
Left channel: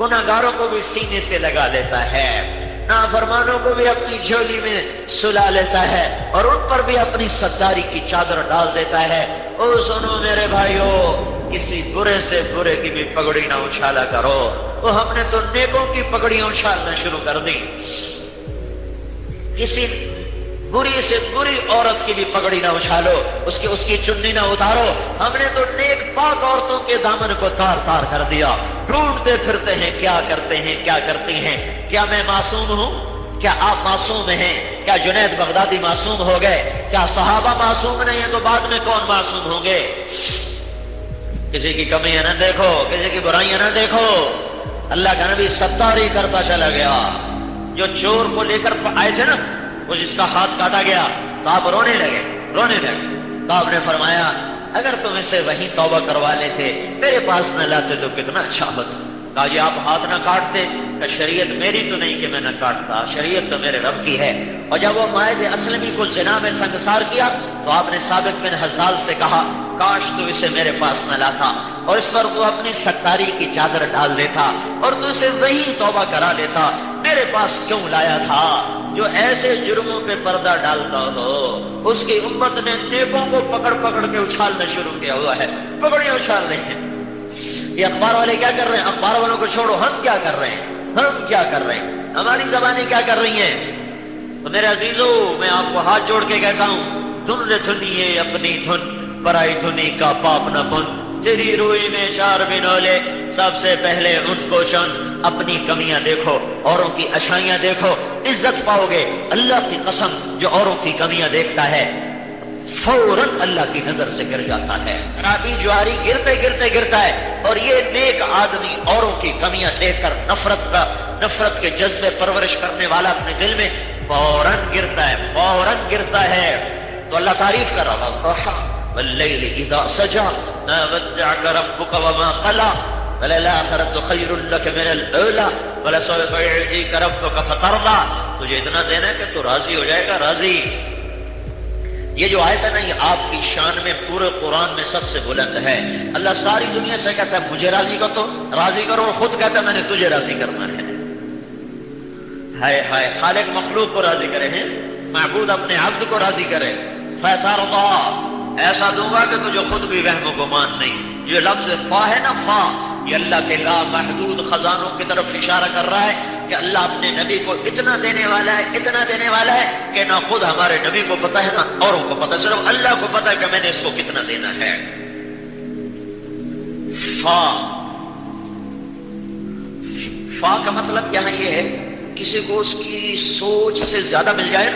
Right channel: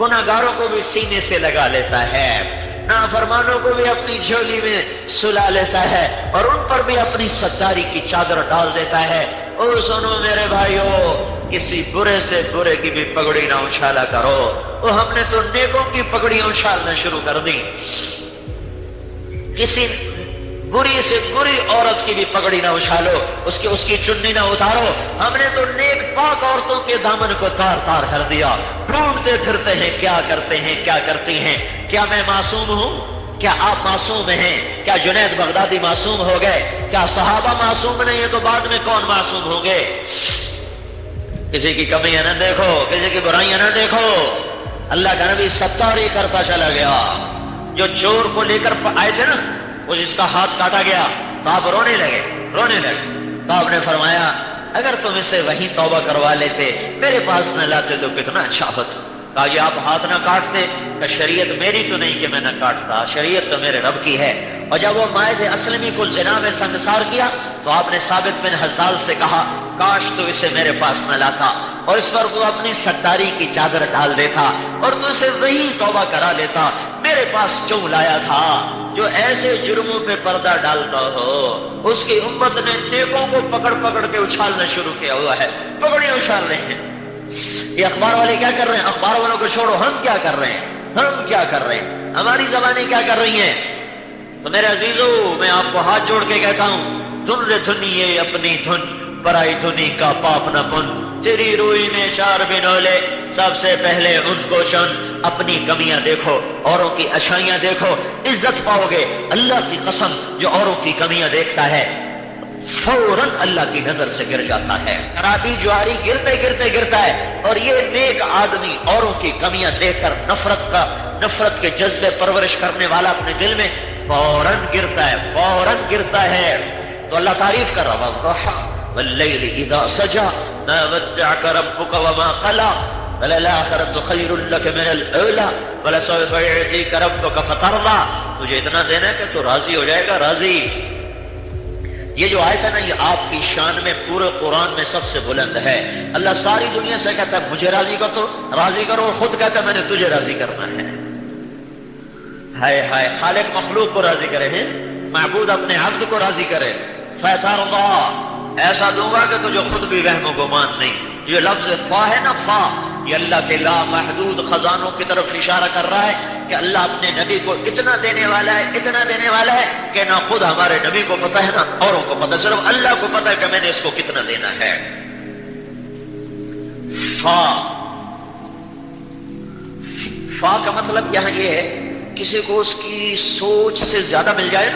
گناہگاروں کو بھی سینے سے لگا لیتا ہے، نافرمانوں کو بھی اپنی جھولی میں سلا لیتا ہے، اور ان پر بھی اپنی ستاری کی چادر ڈال دیتا ہے۔ او سنو میرے بھائیو، کسی برے سے برے کی بھی پگڑی نہ اچھالا کرو۔ تو ہم نے تو نیکوں کی پگڑیاں اچھالنا شروع کر دی، کسی بری سے بری عورت کی بھی پگڑی نہ اچھالو، اس کی چننی نہ اتارو۔ ہم نے تو نیک پاک عورتوں کے دامن کو تار تار کر دیا، ڈھونڈتے پھرتے ہیں کیا کرتے ہیں کیا کرتی ہیں۔ کیا میں معصوم ہوں؟ کیا آپ معصوم ہیں؟ کیا جنید بغدادی معصوم ہو گئے؟ کیا صحابہ معصوم نہیں ہیں تو بعد میں کون معصوم ہوں گے؟ کسی کی کمیاں نہ دیکھو، کسی کی برائیاں نہ دیکھو۔ اللہ کا نبی ستاری کرتا چلا گیا۔ جو چور کو لے کر آئے تھے نا، وہ جس کا ہاتھ کاٹا گیا تو آپ رونے لگے۔ تو آپ نے فرمایا اگر تم اسے وہیں توبہ کروا لیتے، میرے پاس نہ لاتے تو کتنا اچھا ہوتا۔ کہا کہ آپ ہاتھ نہ کاٹتے، کہ شریعت میری تو نہیں کہ میں نہ کاٹتا، شریعت تو میرے رب کی ہے۔ اور جب وہ مائد اسلمی کو زنا میں سنگسار کیا تو آپ نے ثابت بن حزال سے کہا کاش تو اسے میرے پاس نہ لاتا اور اس پر وہ اپنی ستاری کی چادر ڈال دیتا اور تو اسے وہی توبہ کرا دیتا، میرے پاس کیوں لایا تھا؟ جو ایسے جرموں پہ پردہ ڈالتا ہو اس کی امت نے نیکوں کو پکڑ پکڑ کے اچھالنا شروع کیا ہوا ہے، پکڑیاں اچھال رہے ہیں۔ یہ اخبار والے کیا کر رہے ہیں؟ اخبار والوں کو چھوڑو، ہم کیا کر رہے ہیں؟ ہم کیا کر رہے ہیں؟ ہماری زبانیں کیا کر رہی ہیں؟ تو میرے عزیزو، میں آپ کو ہاتھ جوڑ کے کہتا ہوں، دھن رے دھنیے اپنی دھن، پرائی دھنی کا پاپ نہ کن، تیری روئی میں چار بنولے، سب سے پہلے ان کو چن۔ اپنی کمیاں دیکھو، اوروں کی اچھائیاں دیکھو، عزت پاؤ گے۔ اللہ کی قسم، جو اوروں کی کمیاں دیکھتا ہے فوراً اللہ کی نظر سے گر جاتا ہے۔ شرابی جواری گرتے گرتے گرتا ہے، اور یہ نیک آدمی اوروں کی کمیاں دیکھ کر نفرت کے جذبے پرورش کرنے والا اپنے دل میں فوراً گرتا ہے۔ تو اللہ تعریف کر رہا ہے، واللیل اذا سجا ما ودعك ربك وما قلى وللآخرة خیر لك من الأولى ولسوف يعطيك ربك فترضى۔ تجھے اتنا دینا ہے تو راضی ہو جائے گا، راضی۔ یہ جو آیت ہے نا، یہ آپ کی شان میں پورے قرآن میں سب سے بلند ہے۔ اللہ ساری دنیا سے کہتا ہے مجھے راضی کرو، خود کہتا ہے میں نے تجھے راضی کرنا ہے۔ ہائے ہائے، خالق مخلوق کو راضی کرے ہیں، معبود اپنے عبد کو راضی کرے۔ فترضى، ایسا دوں گا کہ تجھے خود بھی رحم و گمان نہیں۔ یہ لفظ فا ہے نا، فا، یہ اللہ کے لا محدود خزانوں کی طرف اشارہ کر رہا ہے کہ اللہ اپنے نبی کو اتنا دینے والا ہے کہ نہ خود ہمارے نبی کو پتا ہے نہ اوروں کو پتا، صرف اللہ کو پتا ہے کہ میں نے اس کو کتنا دینا ہے۔ فا کا مطلب یہاں یہ ہے، کسی کو اس کی سوچ سے زیادہ مل جائے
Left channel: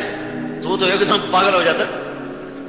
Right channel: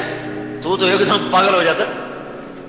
تو ایک دم پاگل ہو جاتا ہے،